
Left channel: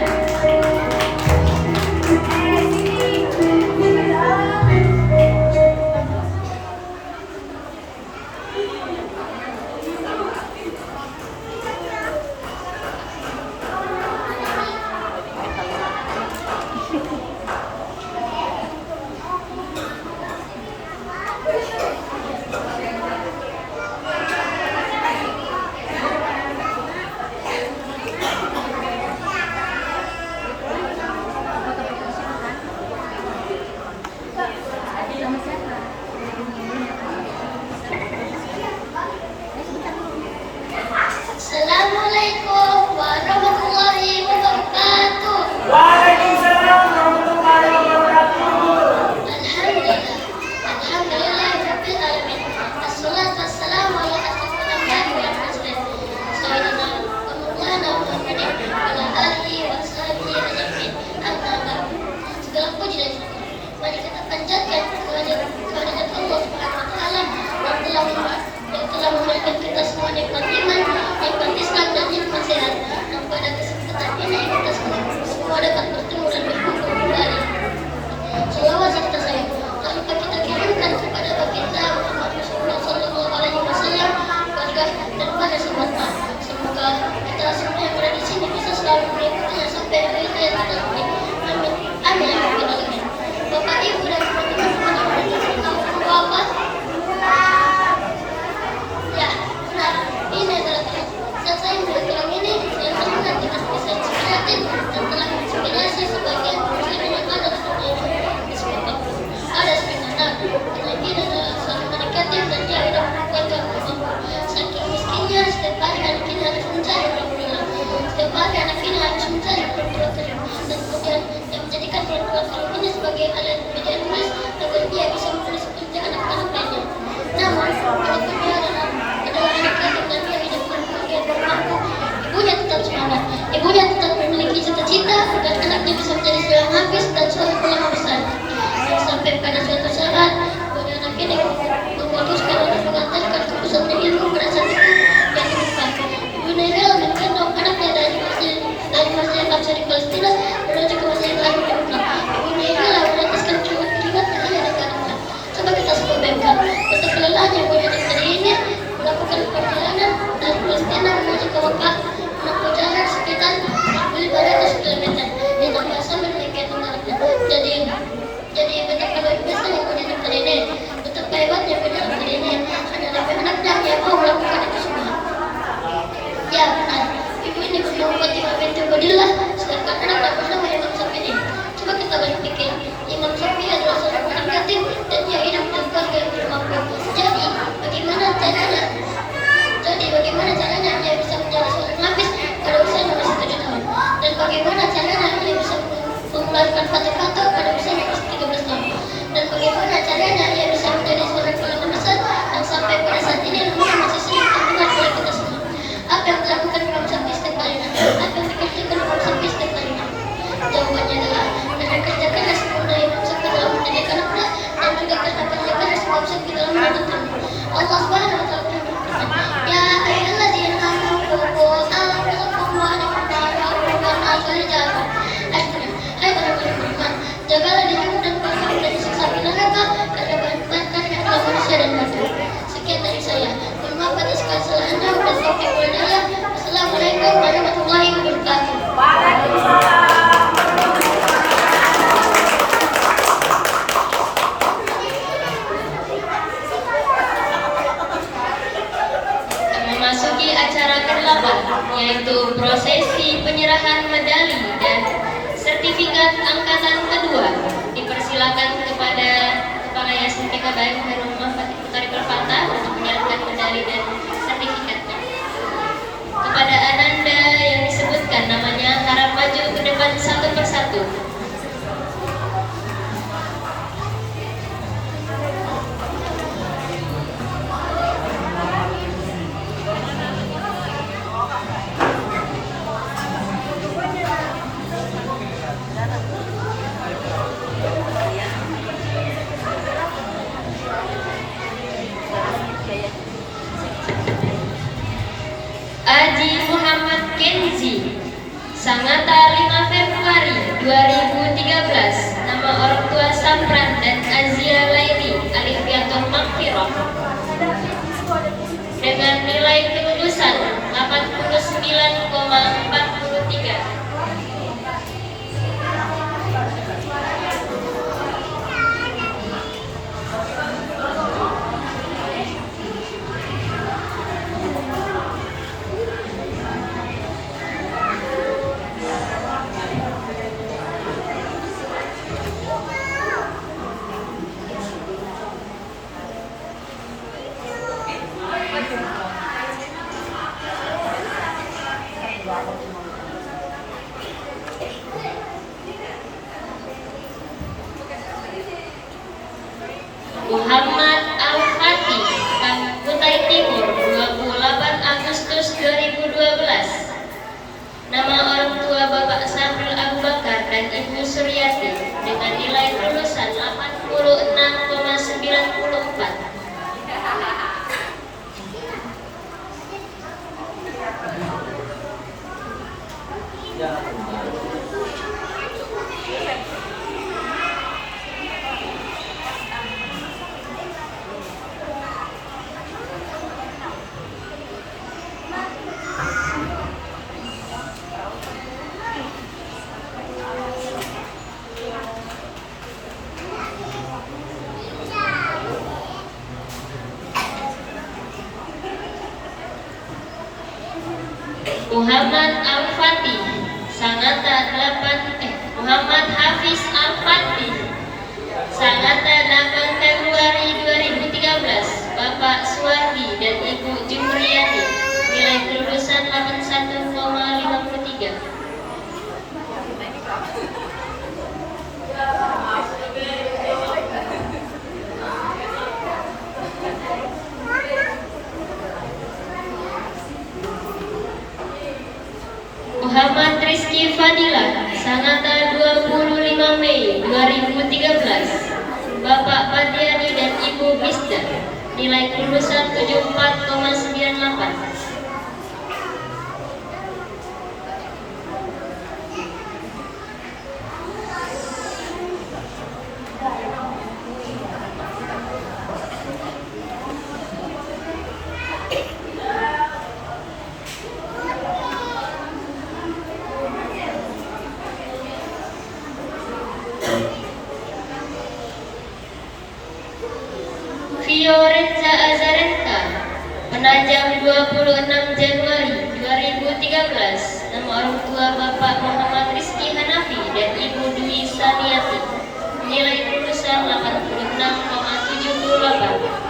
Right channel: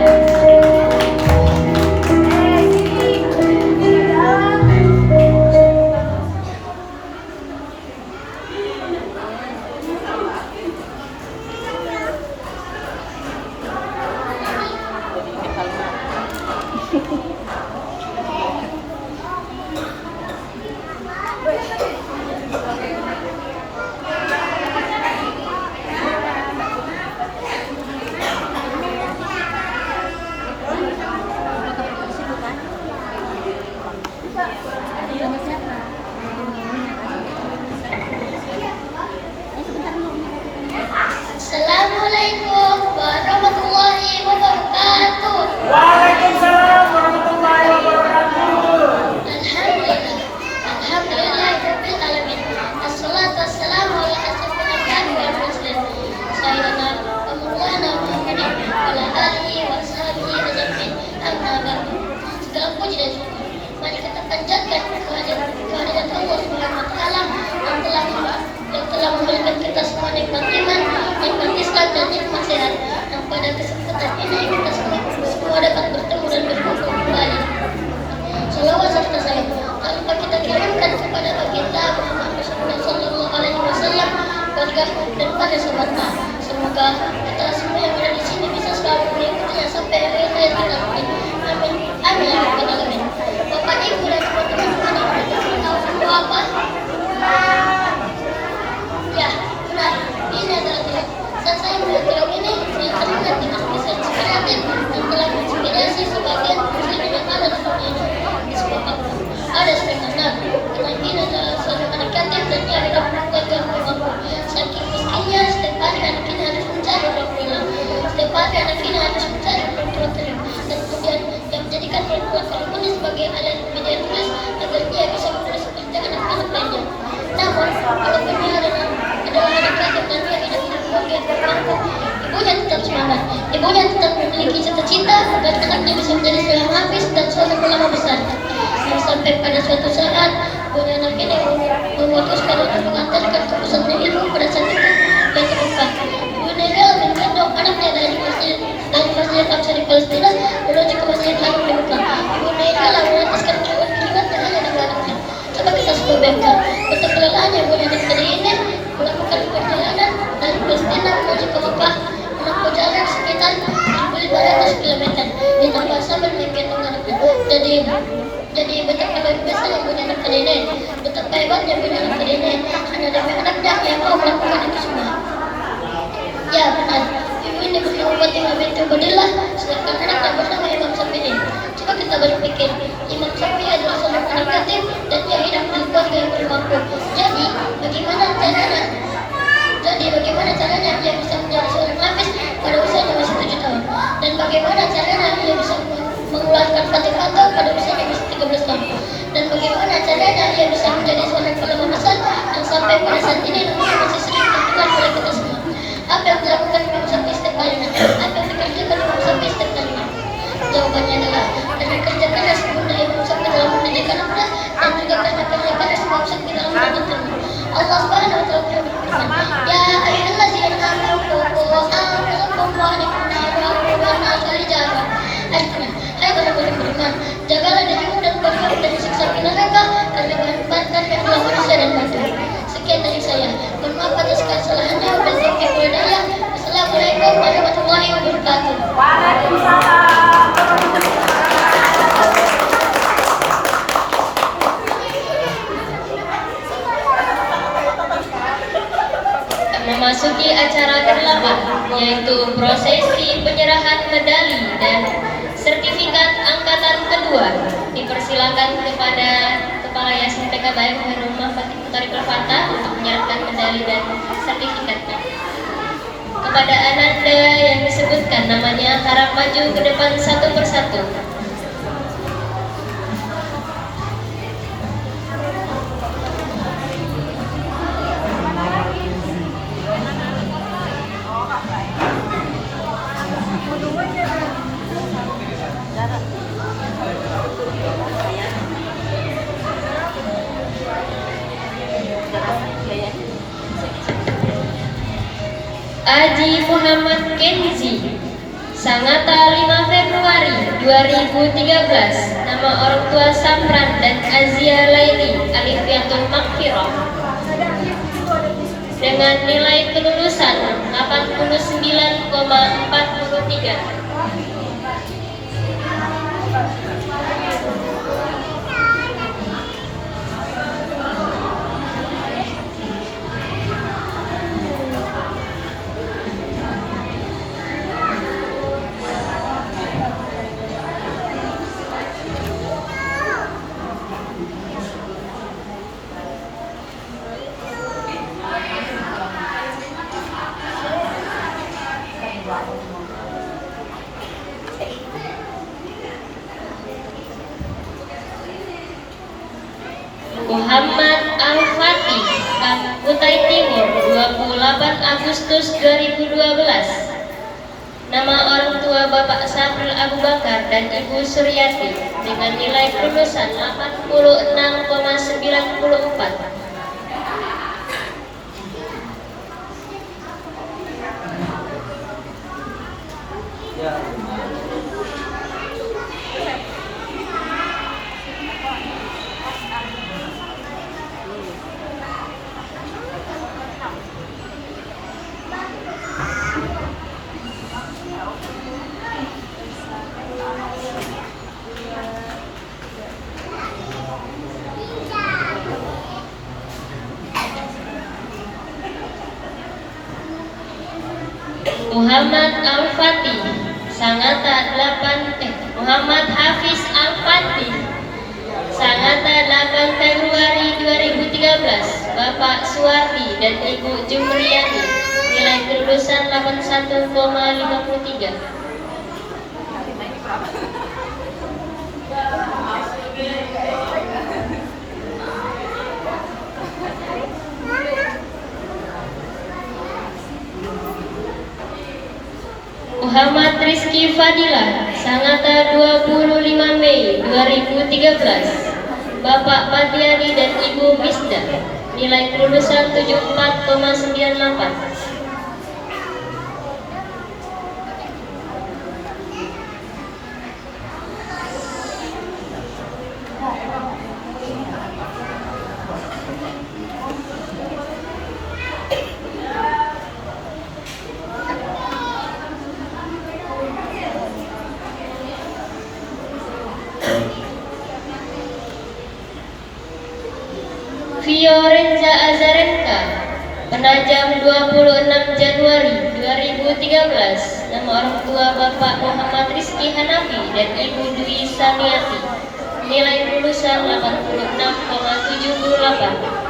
Assalamualaikum warahmatullahi wabarakatuh. Waalaikumsalam warahmatullahi wabarakatuh. Alhamdulillahirabbil alamin. Assalatu wassalamu ala asyrafil anbiya'i wal mursalin. Sayyidina Muhammadin wa ala alihi wa sahbihi ajmain. Amma ba'du. Segala puji dan syukur mari kita panjatkan kehadirat Allah Subhanahu wa taala yang telah memberikan kita semua nikmat iman, nikmat Islam dan nikmat sehat. Dan pada kesempatan ini kita semua dapat bertemu dan berkumpul kembali. Salawat serta salam tak lupa kita kirimkan kepada baginda Muhammad Rasulullah Sallallahu Alaihi Wasallam, keluarga dan pada sahabatnya. Semoga kita semua yang berada di sini bisa selalu mengikutinya sampai akhir hayat kita. Amin. Amin. Ya Rabbal Alamin. Bapak, Ibu dan teman-teman yang tahu semua apa? Ya, benar. Ini adalah film. Saat saya melihat film ini, saya teringat dengan kisah inspiratif dan telah menginspirasi sebagian muslimin yang ada di dunia ini. Di sebuah waktu, ada seorang anak yang ini adalah seorang anak yatim dan dia hidup keluarga mampu. Saking miskinnya, setiap hari anak ini harus mencari orang tua. Setiap hari anak ini harus mencari orang tua kering. Dan kemudian dia menjadikan orang tua kering ini sebagai alat media tulis agar dia bisa menulis seperti anak-anak lainnya. Namun, walaupun dia adalah anak yatim dan dia hidup di keluarga yang bermampu, ibunya tetap semangat. Ibunya tetap memiliki cita-cita agar anaknya bisa menjadi seorang hafiz dan seorang ulama besar. Yang sampai pada suatu saat, ibunya anak ini memutuskan untuk mengantarkan ke pusatnya ilmu pada saat itu yang terbuka. Ibu Neville menggendong anaknya dari Masjid Al-Aqsa di Palestina menuju ke Masjid Haram di Mekah. Ibu Neville menetaskan keringat yang hanya dengan anaknya. Coba kita semua bayangkan betapa kelelahannya ibunya anak tadi ini melakukan perjalanan dari Palestina menuju ke Mekah, menempuh jarak sekitar 1.500 km ditambah sambil menggendong anaknya. Jadi betapa luar biasa ibunya anak tadi ini, betapa hebatnya ibunya anak tadi ini. Hanya demi anaknya yang mau melakukan itu semua. Ya benar, ibu ini bernama Fatimah binti Ubaidillah, sedangkan anaknya bernama Imam Syafi'i ini. Coba kita berpikir, Imam Syafi'i adalah seorang anak yatim dan dia hidup di keluarga yang bermampu. Jadi bagaimana caranya dia bisa menjadi seorang hafiz pada usianya masih 7 tahun? Dan bagaimana caranya dia bisa mengeluarkan Fatihah pada usianya masih 13 tahun? Dan bagaimana caranya dia bisa menjadi seorang ulama besar yang sampai pada saat ini namanya masih sering terdengar oleh kita semua? Apa yang dilakukan Imam Syafi'i setiap harinya? Apa yang dikerjakan Imam Syafi'i setiap harinya? Jawabannya adalah karena kerja keras, saya. Mohon maaf atas kesalahan dan bertaufiq walhidayah. Wassalamualaikum warahmatullahi wabarakatuh. Memasuki acara ke-8, yaitu prosesi penyerahan medali dan sertifikat angkatan kedua. Dipersilakan kepada Kepala Yayasan PKBM Khairul Muhammad Putari Permata untuk menyerahkan medali dan sertifikatnya. Kepada Ananda yang disebutkan namanya, harap maju ke depan satu persatu. Aji Muhammad Kenzi, Sangatta 5 Februari 2013. Nama orang tua Samran dan Azia Laili Alifiatul Maghfirah. Dengan nilai kelulusan 89,43. Muhammad Al-Fatih, Kutai Timur, 28 Agustus 2012. Nama orang tua Bapak Sabril Abu Bakar dan Ibu Suryati dengan nilai kelulusan 86,94. Muhammad Al-Fatih, Sangatta 8 Muhammad Hafiz Al-Fatih, Sangatta 8 Februari 2013. Bapak Suwardi dan Ibu Jumriyati, nilai kelulusan 81,53. Muhammad Rizky Fadila, Sangatta 25 Mei 2013. Bapak Padiani dan Ibu Misda, nilai kelulusan 74,98. Fiorenza Azarenka, Penajam 26 Januari 2013. Nama orang tua Bapak Muhammad Rizky Hanafi dan Ibu Dwi Saniati, nilai kelulusan 86,78.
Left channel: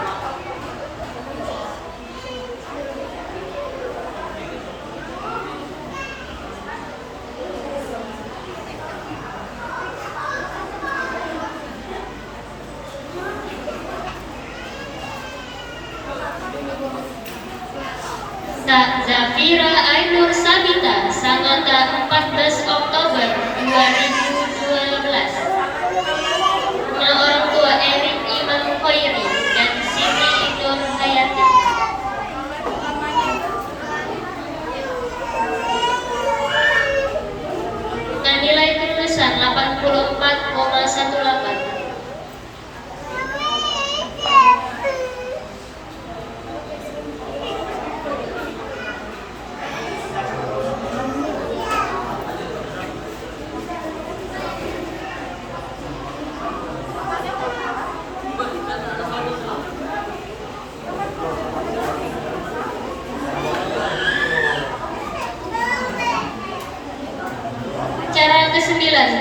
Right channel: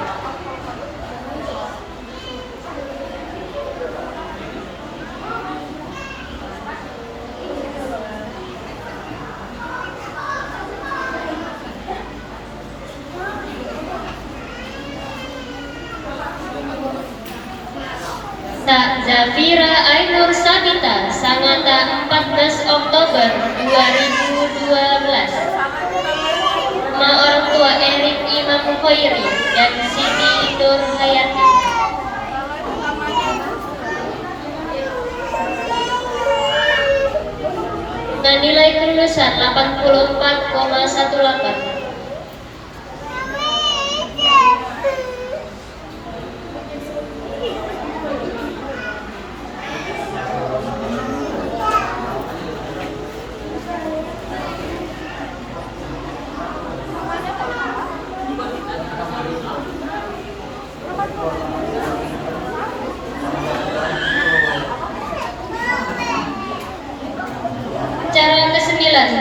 Zafira Ainur Sabita, Sangatta 14 Oktober 2012. Nama orang tua Erik Imam Khairi dan Siti Nur Hayati. Dan nilai kelulusan 84,18.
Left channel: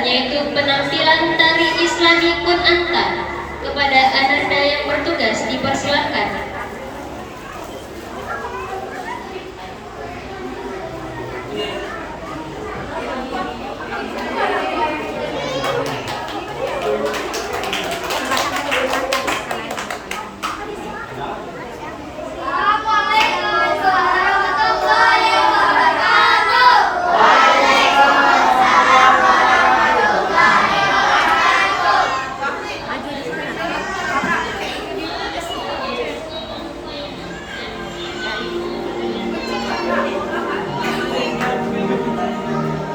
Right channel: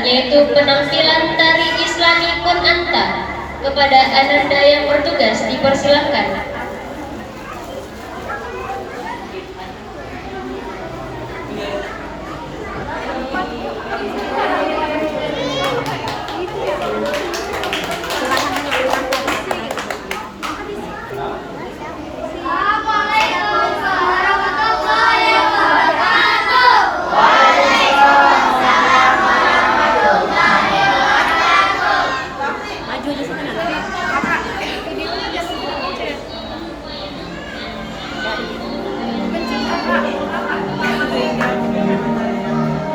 yaitu penampilan tari Islami Kunanta. Kepada Ananda yang bertugas dipersilakan.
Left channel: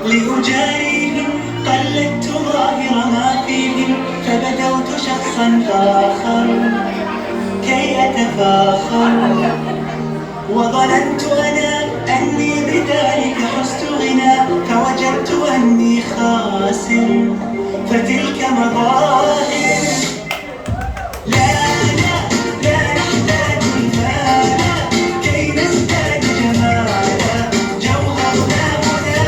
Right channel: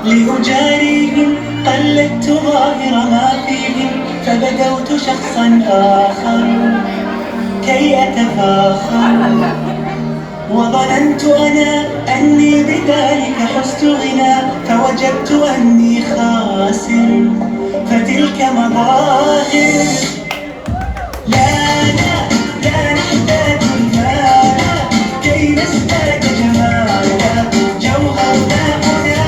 لأجاريهم قلدت ظاهر ما فيهم فبدوت شخصا آخر كي أتفاخر وظننت أنا أني بذلك حزت غنى فوجدت أني خاسر فتلك مظاهر لا لا لا نحتاج المال كي نزداد جمالا جوهرنا هنا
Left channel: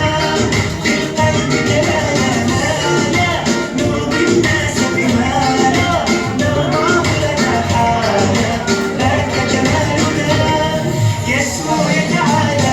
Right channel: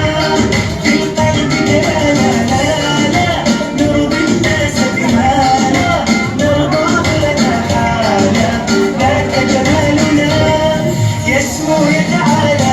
في القلب كأنا لا لا نرضي الناس بما لا نرضاه لنا حالا ذاك جمالنا يسمو يتعالى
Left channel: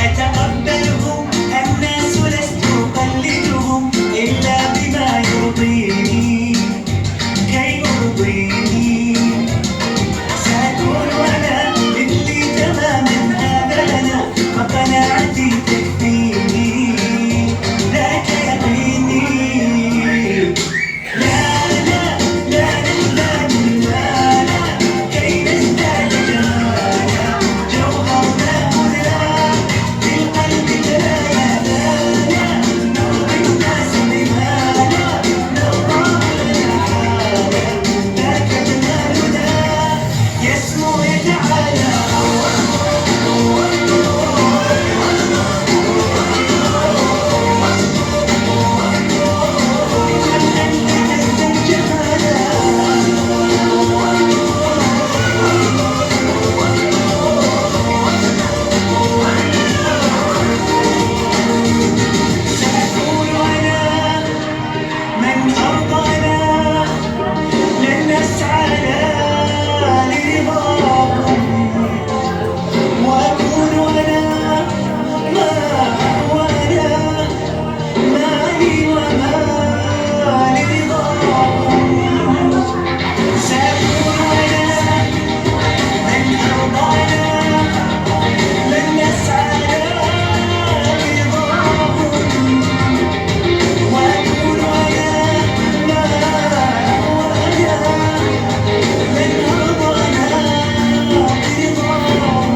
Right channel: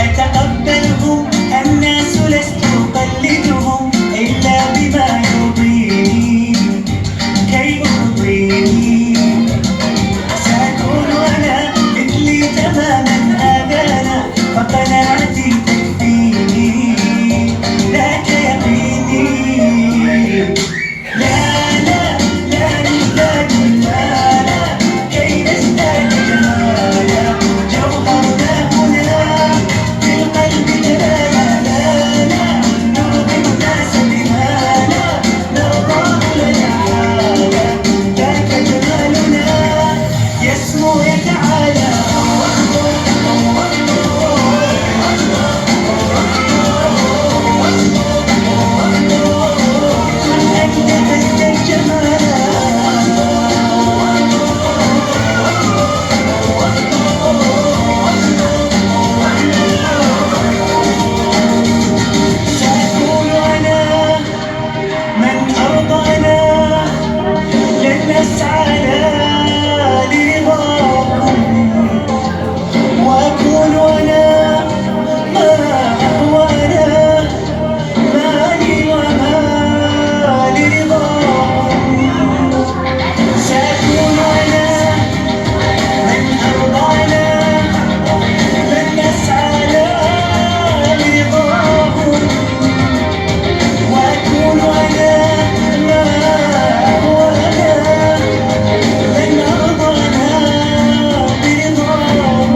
أتقبلهم الناس لست أقلدهم إلا بما يرضيني كي أرضيني سأكون أنا مثلي تماما هذا أنا وقناعتي تكفيني ذاك يقيني لا لا لا نحتاج المال كي نزداد جمالا جوهرنا هنا في القلب كبايا لا لا نرضي الناس بما لا نرضاه لنا حالا ذاك جمالنا يسمو يتعالى أنت تزداد جمالا سأكون أنا من أرضانا لن نسعى لرضاهم وأكون أنا ما أهوانا مالي وما لرضاهم سأكون أنا من أرضانا لن نسعى لرضاهم وأكون أنا ما أهوانا لن أرضانا برضاهم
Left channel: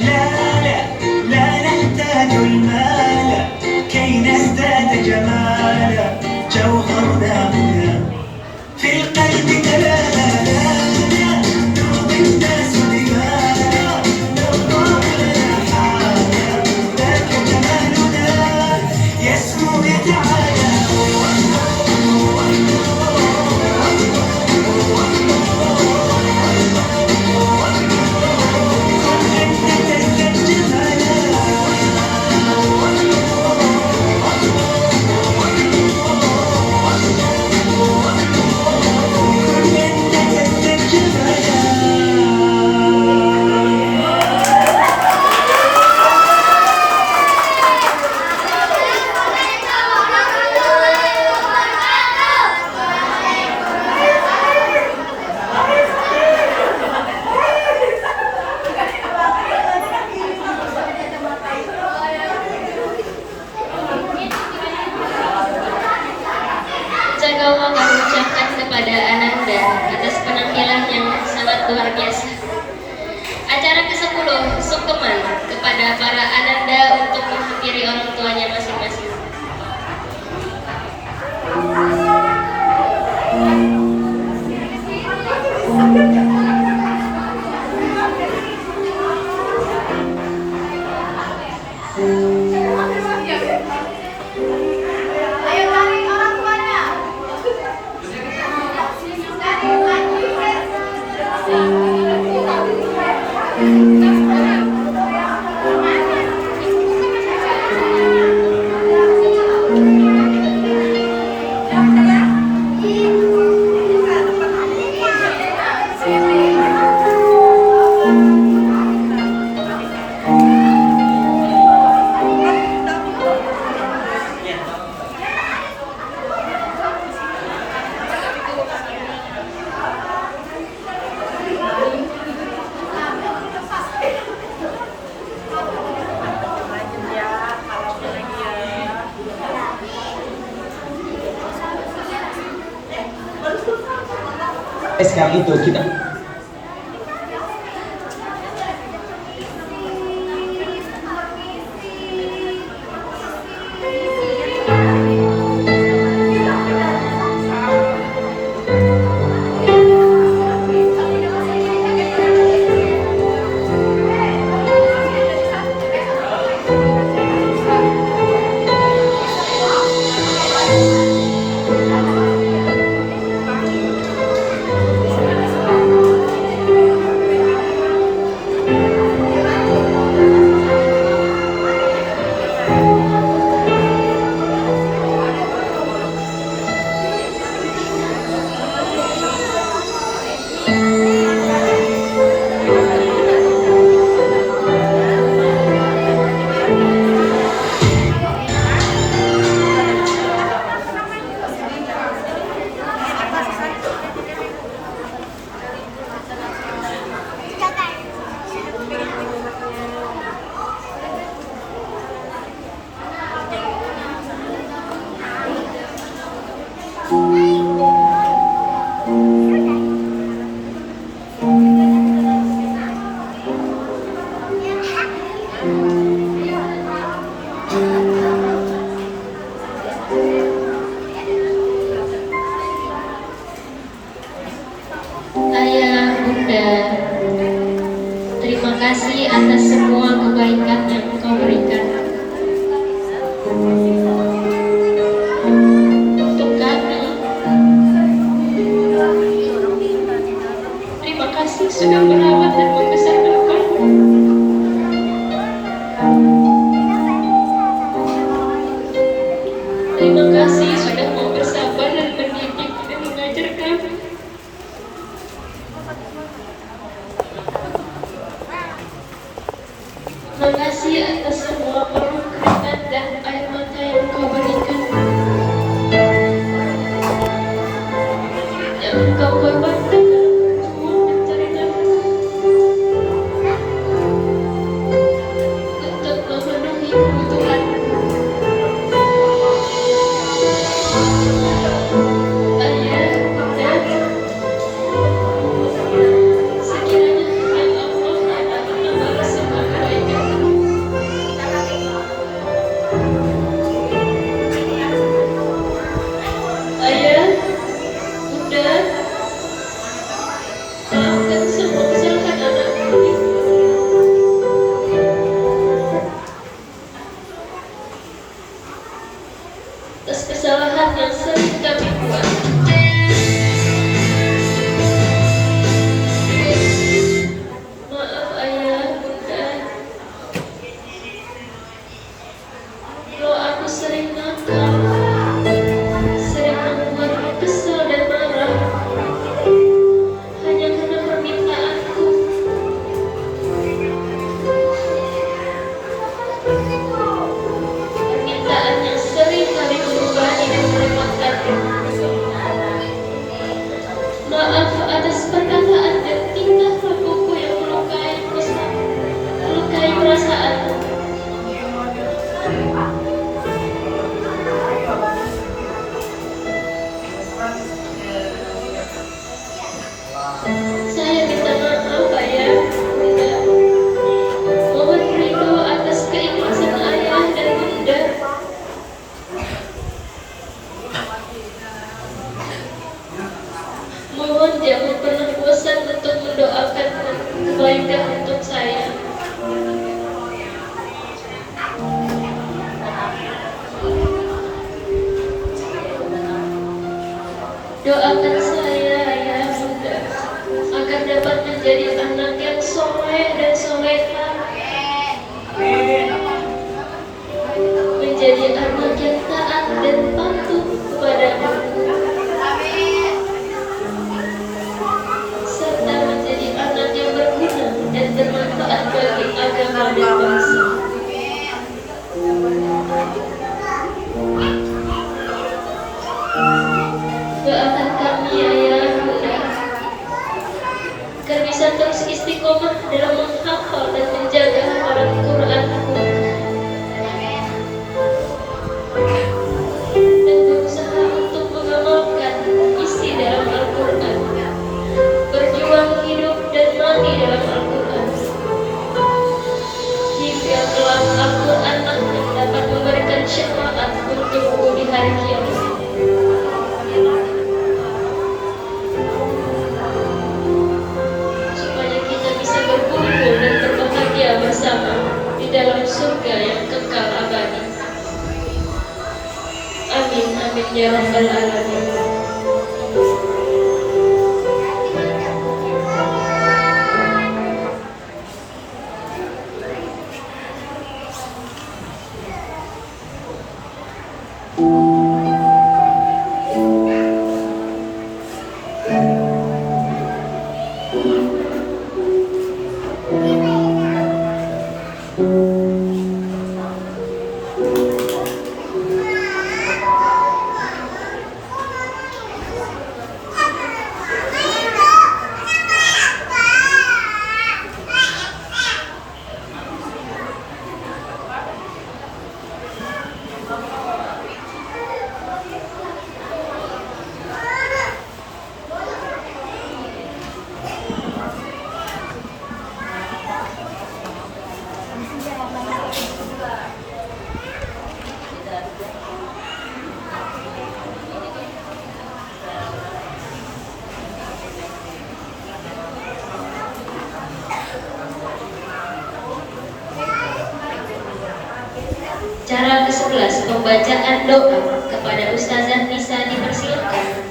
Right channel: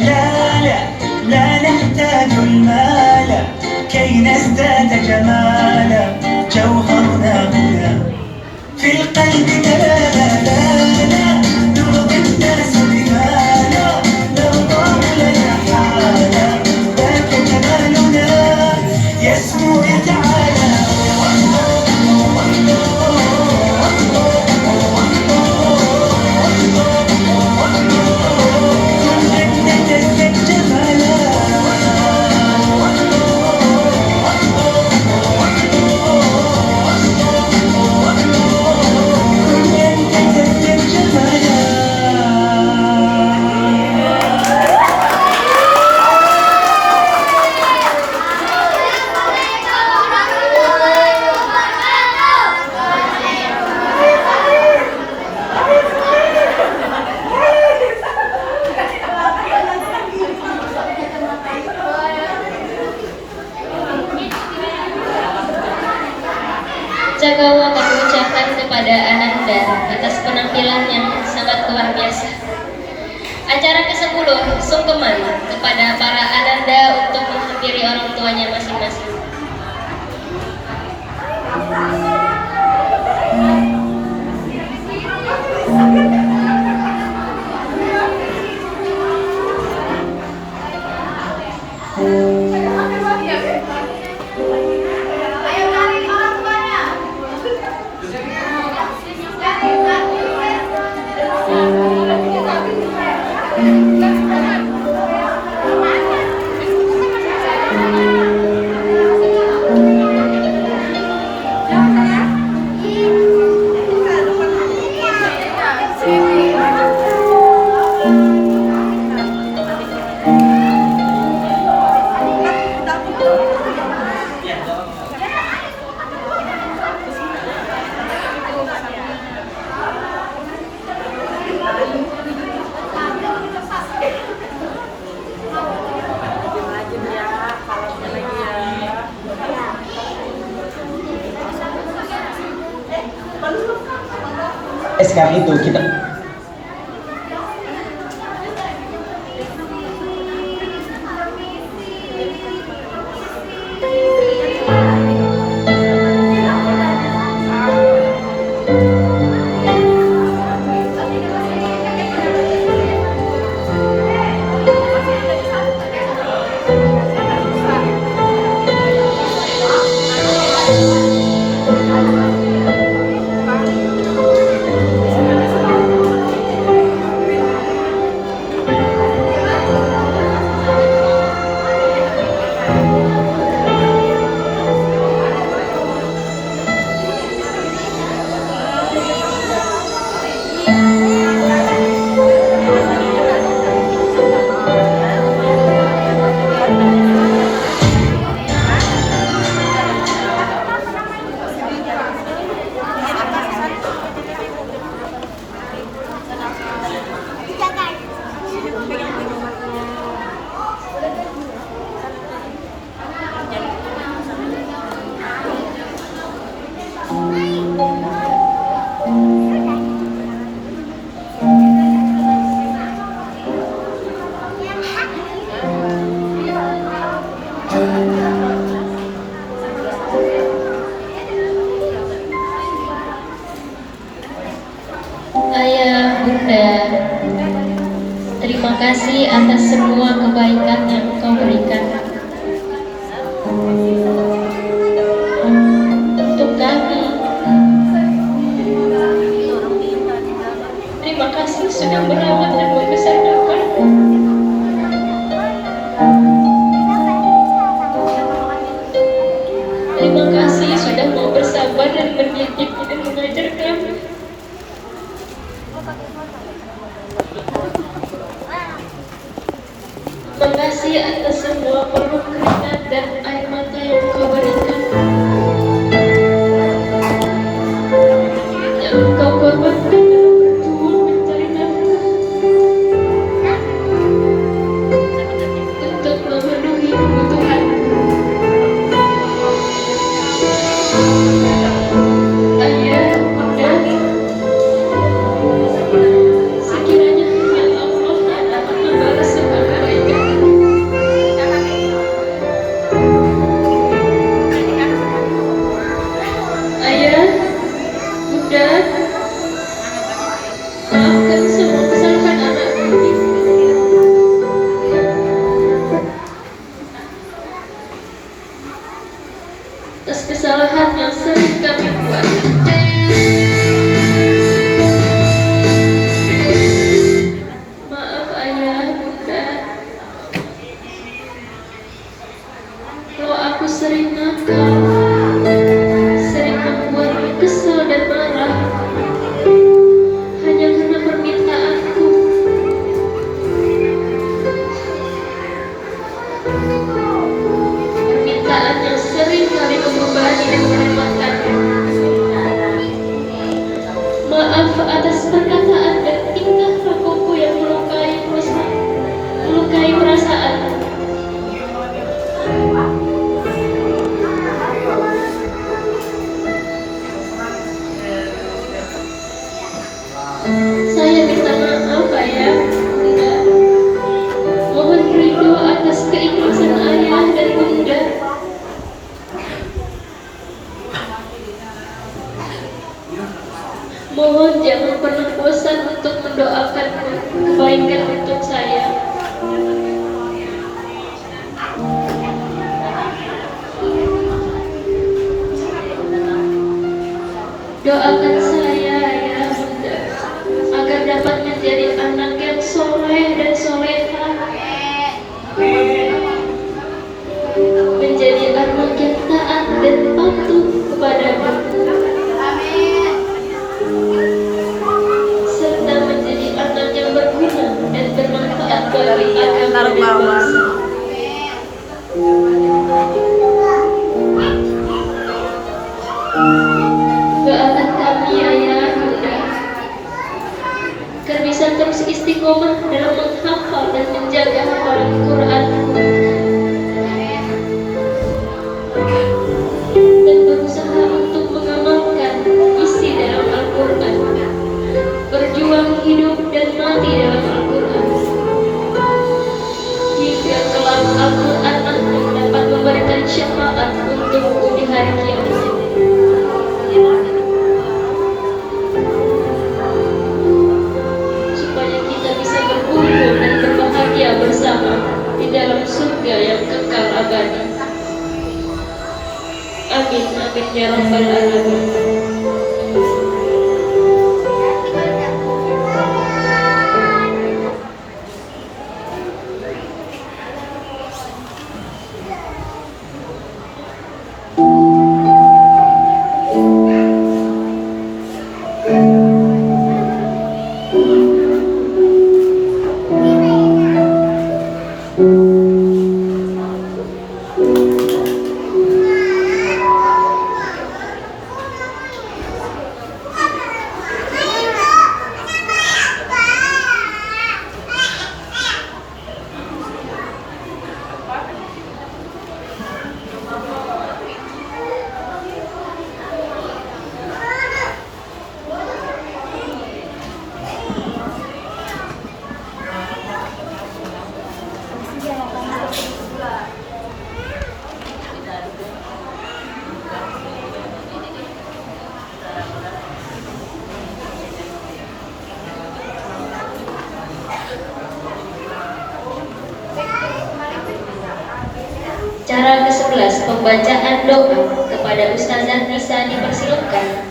لا لا لا نحتاج المال كي نزداد جمالا جوهرنا هنا في القلب كلالا لا لا نرضي الناس بما لا نرضاه لنا حالا ذاك جمالنا يسمو يتعالى أنت تزداد جمالا Jagawa mengucapkan kepada Ananda atas penampilan yang sangat luar biasa. Acara kesempatan ke-10, sungkeman kepada para ananda untuk menghampiri orang tuanya masing-masing. Sekarang itu kita Ayah, Bunda, terima kasih atas semua kebaikan yang Engkau berikan untuk kami. Terima kasih sudah merawat dan membesarkan kami. Terima kasih sudah mau bersabar dan mendidik dan mengajar kami. Makasih atas semua penuh keringat dan air mata yang Engkau berikan, yang Engkau korbankan dalam berjuang mencari nafkah untuk memenuhi kebutuhan. Ayah, Bunda, sekiranya firman Allah adalah membalas semua kebaikan. Ayah, Bunda, maafkan semua kesalahan anakku. Atas kesalahan yang sering kami buat. Maaf Ayah, Bunda, kalau aku sering nakal, sering membuatmu kesal dan marah, hanya karena permintaanku. Permintaan yang sering kali membebani dan merepotkanmu. Maaf atas perkataan dan tingkah lakuku yang melukai perasaan. Saya minta maaf Ayah, Bunda. Mohon jangan pernah bosan untuk mendoakan kebaikan untuk saya. Doakan saya ya Bunda, agar dapat menjadi anak yang soleh dan soleha, menjadi anak yang taat dan patuh kepadamu, serta menjadi anak yang berguna dan bermanfaat bagi agama dan bangsa. Doakan kami ayah Bunda, agar bisa terus istiqomah dalam menghafal dan menjaga hafalan Quranku, dan berusaha untuk mengamalkan isi dalam Al-Quran, berjuang hidup dan mati dalam Al-Quran, hingga kelak Al-Quran dapat memberikan syafaat untukku di hari kiamat. Supaya kita bisa berkumpul dan berbahagia bersama di dalam surga yang kekal abadi. Amin, amin ya rabbal alamin. Cara ke-11, pembacaan doa kepada Ustazah Nisa dipersilakan.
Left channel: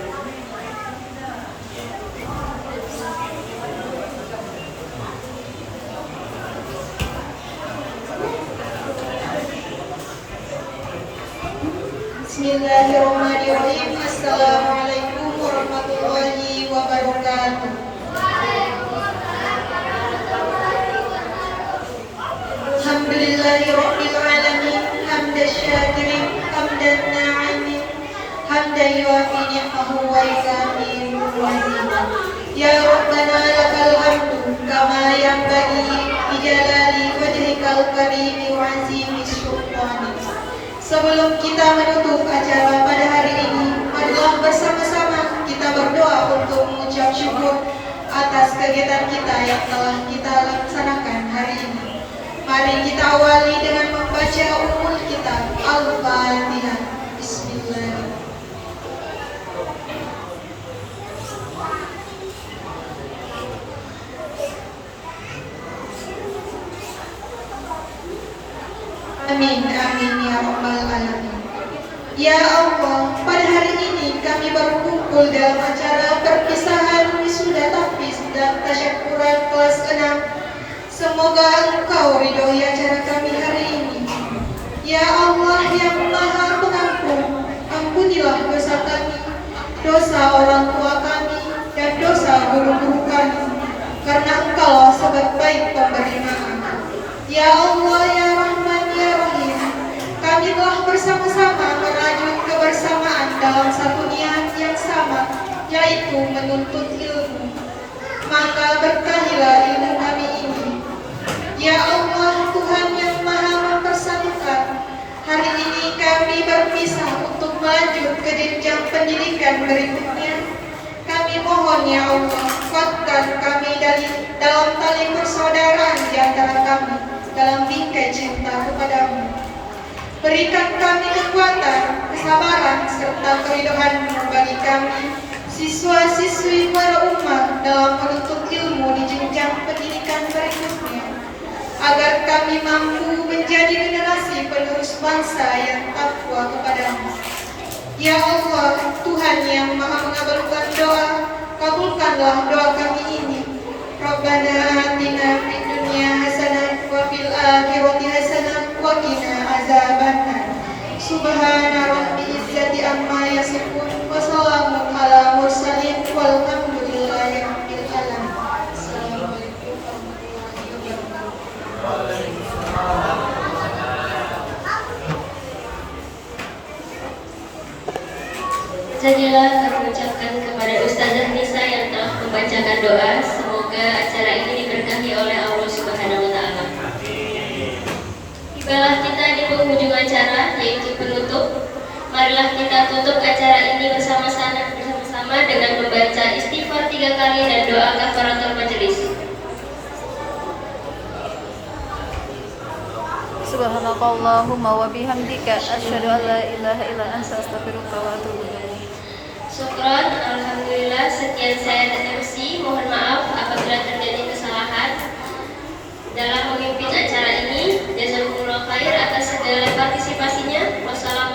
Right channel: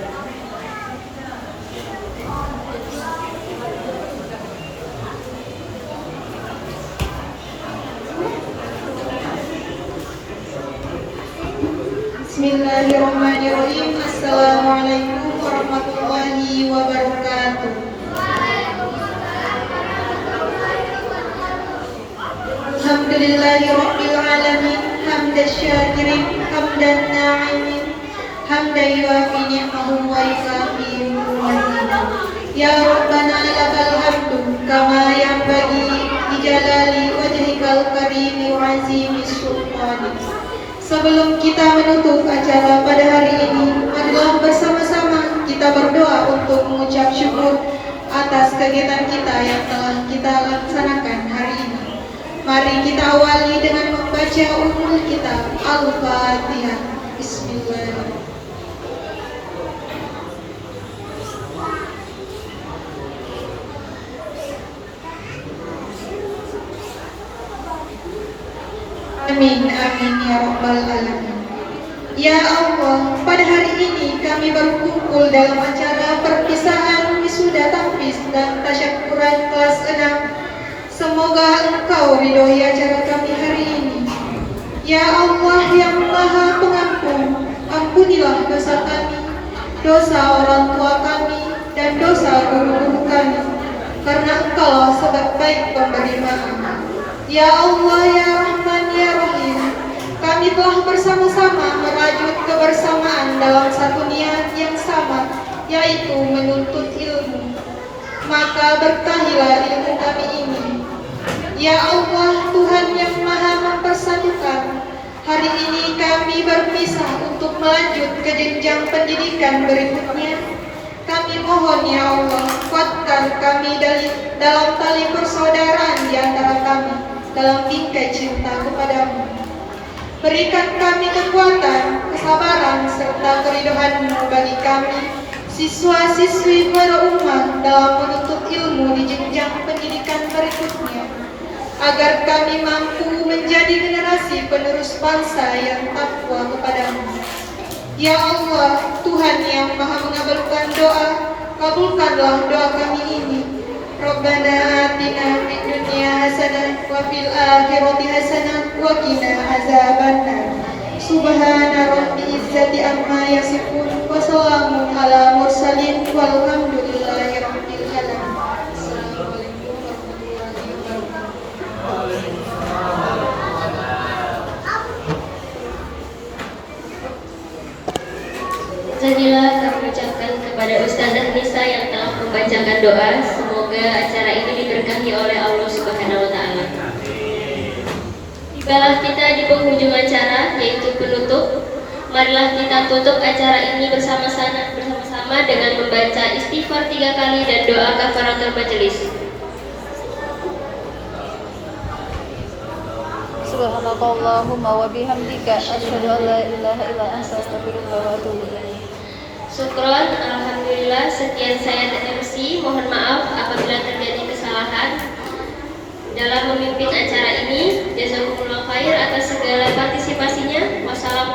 Bismillahirrahmanirrahim. Assalamualaikum warahmatullahi wabarakatuh. Alhamdulillahirabbil alamin, hamdan syakirin, hamdan na'imin, hamdan yuafi ni'amahu wa yukafi mazida. Ya Rabbana lakal hamdu kama yanbaghi li jalali wajhikal karim wa azimi sultanik. Sebelum kita menutup acara pada hari ini, marilah bersama-sama kita berdoa untuk mengucap syukur atas kegiatan kita yang telah kita laksanakan hari ini. Mari kita awali dengan membaca Ummul Kitab Al-Fatihah. Bismillahirrahmanirrahim. Amin, amin ya rabbal alamin. Ya Allah, pada hari ini kami berkumpul dalam acara perpisahan wisuda tahfiz dan tasyakuran kelas 6. Semoga Engkau ridhoi acara kami hari ini. Ya Allah yang Maha Pengampun, ampunilah dosa kami, dosa orang tua kami, dan dosa guru-guru kami, karena Engkaulah sebaik-baik pemberi maaf. Ya Allah, ya Rahman, ya Rahim, kami telah bersama-sama merajut kebersamaan dalam satu niat yang sama, yaitu menuntut ilmu. Maka berkahilah ilmu kami ini. Ya Allah, Tuhan yang Maha mempersatukan, hari ini kami berpisah untuk melanjut ke jenjang pendidikan berikutnya. Kami mohon ya Allah, kuatkan kami dalam tali persaudaraan di antara kami, dalam bingkai cinta kepadamu. Berikan kami kekuatan, kesabaran, serta keridhaan-Mu bagi kami, siswa-siswi pada umat dalam menuntut ilmu di jenjang pendidikan berikutnya, agar kami mampu menjadi generasi penerus bangsa yang takwa kepadamu. Ya Allah, Tuhan yang maha mengabulkan doa, kabulkanlah doa kami ini. Rabbana atina fid dunya hasanah wa fil akhirati hasanah wa qina azabannar. Subhana rabbil izzati amma yasifun wa salamun ala mursalin walhamdulillahi rabbil alamin. Assalamualaikum warahmatullahi wabarakatuh. Jadilah kami ucapkan kepada Ustazah Nisa yang telah membacakan doa. Semoga acara ini diberkahi oleh Allah Subhanahu wa Ta'ala. Tibalah kita di penghujung acara, yaitu penutup. Marilah kita tutup acara ini bersama-sama dengan membaca istighfar 3 kali dan doa kafaratul majelis. Subhanakallahumma wa bihamdika asyhadu an la ilaha illa anta astaghfiruka wa atubu ilaik. Syukron, alhamdulillah. Sekian saya dan MC. Mohon maaf apabila terjadi kesalahan dalam memimpin acara ini. Jazakumullah khair atas segala partisipasinya. Wassalamualaikum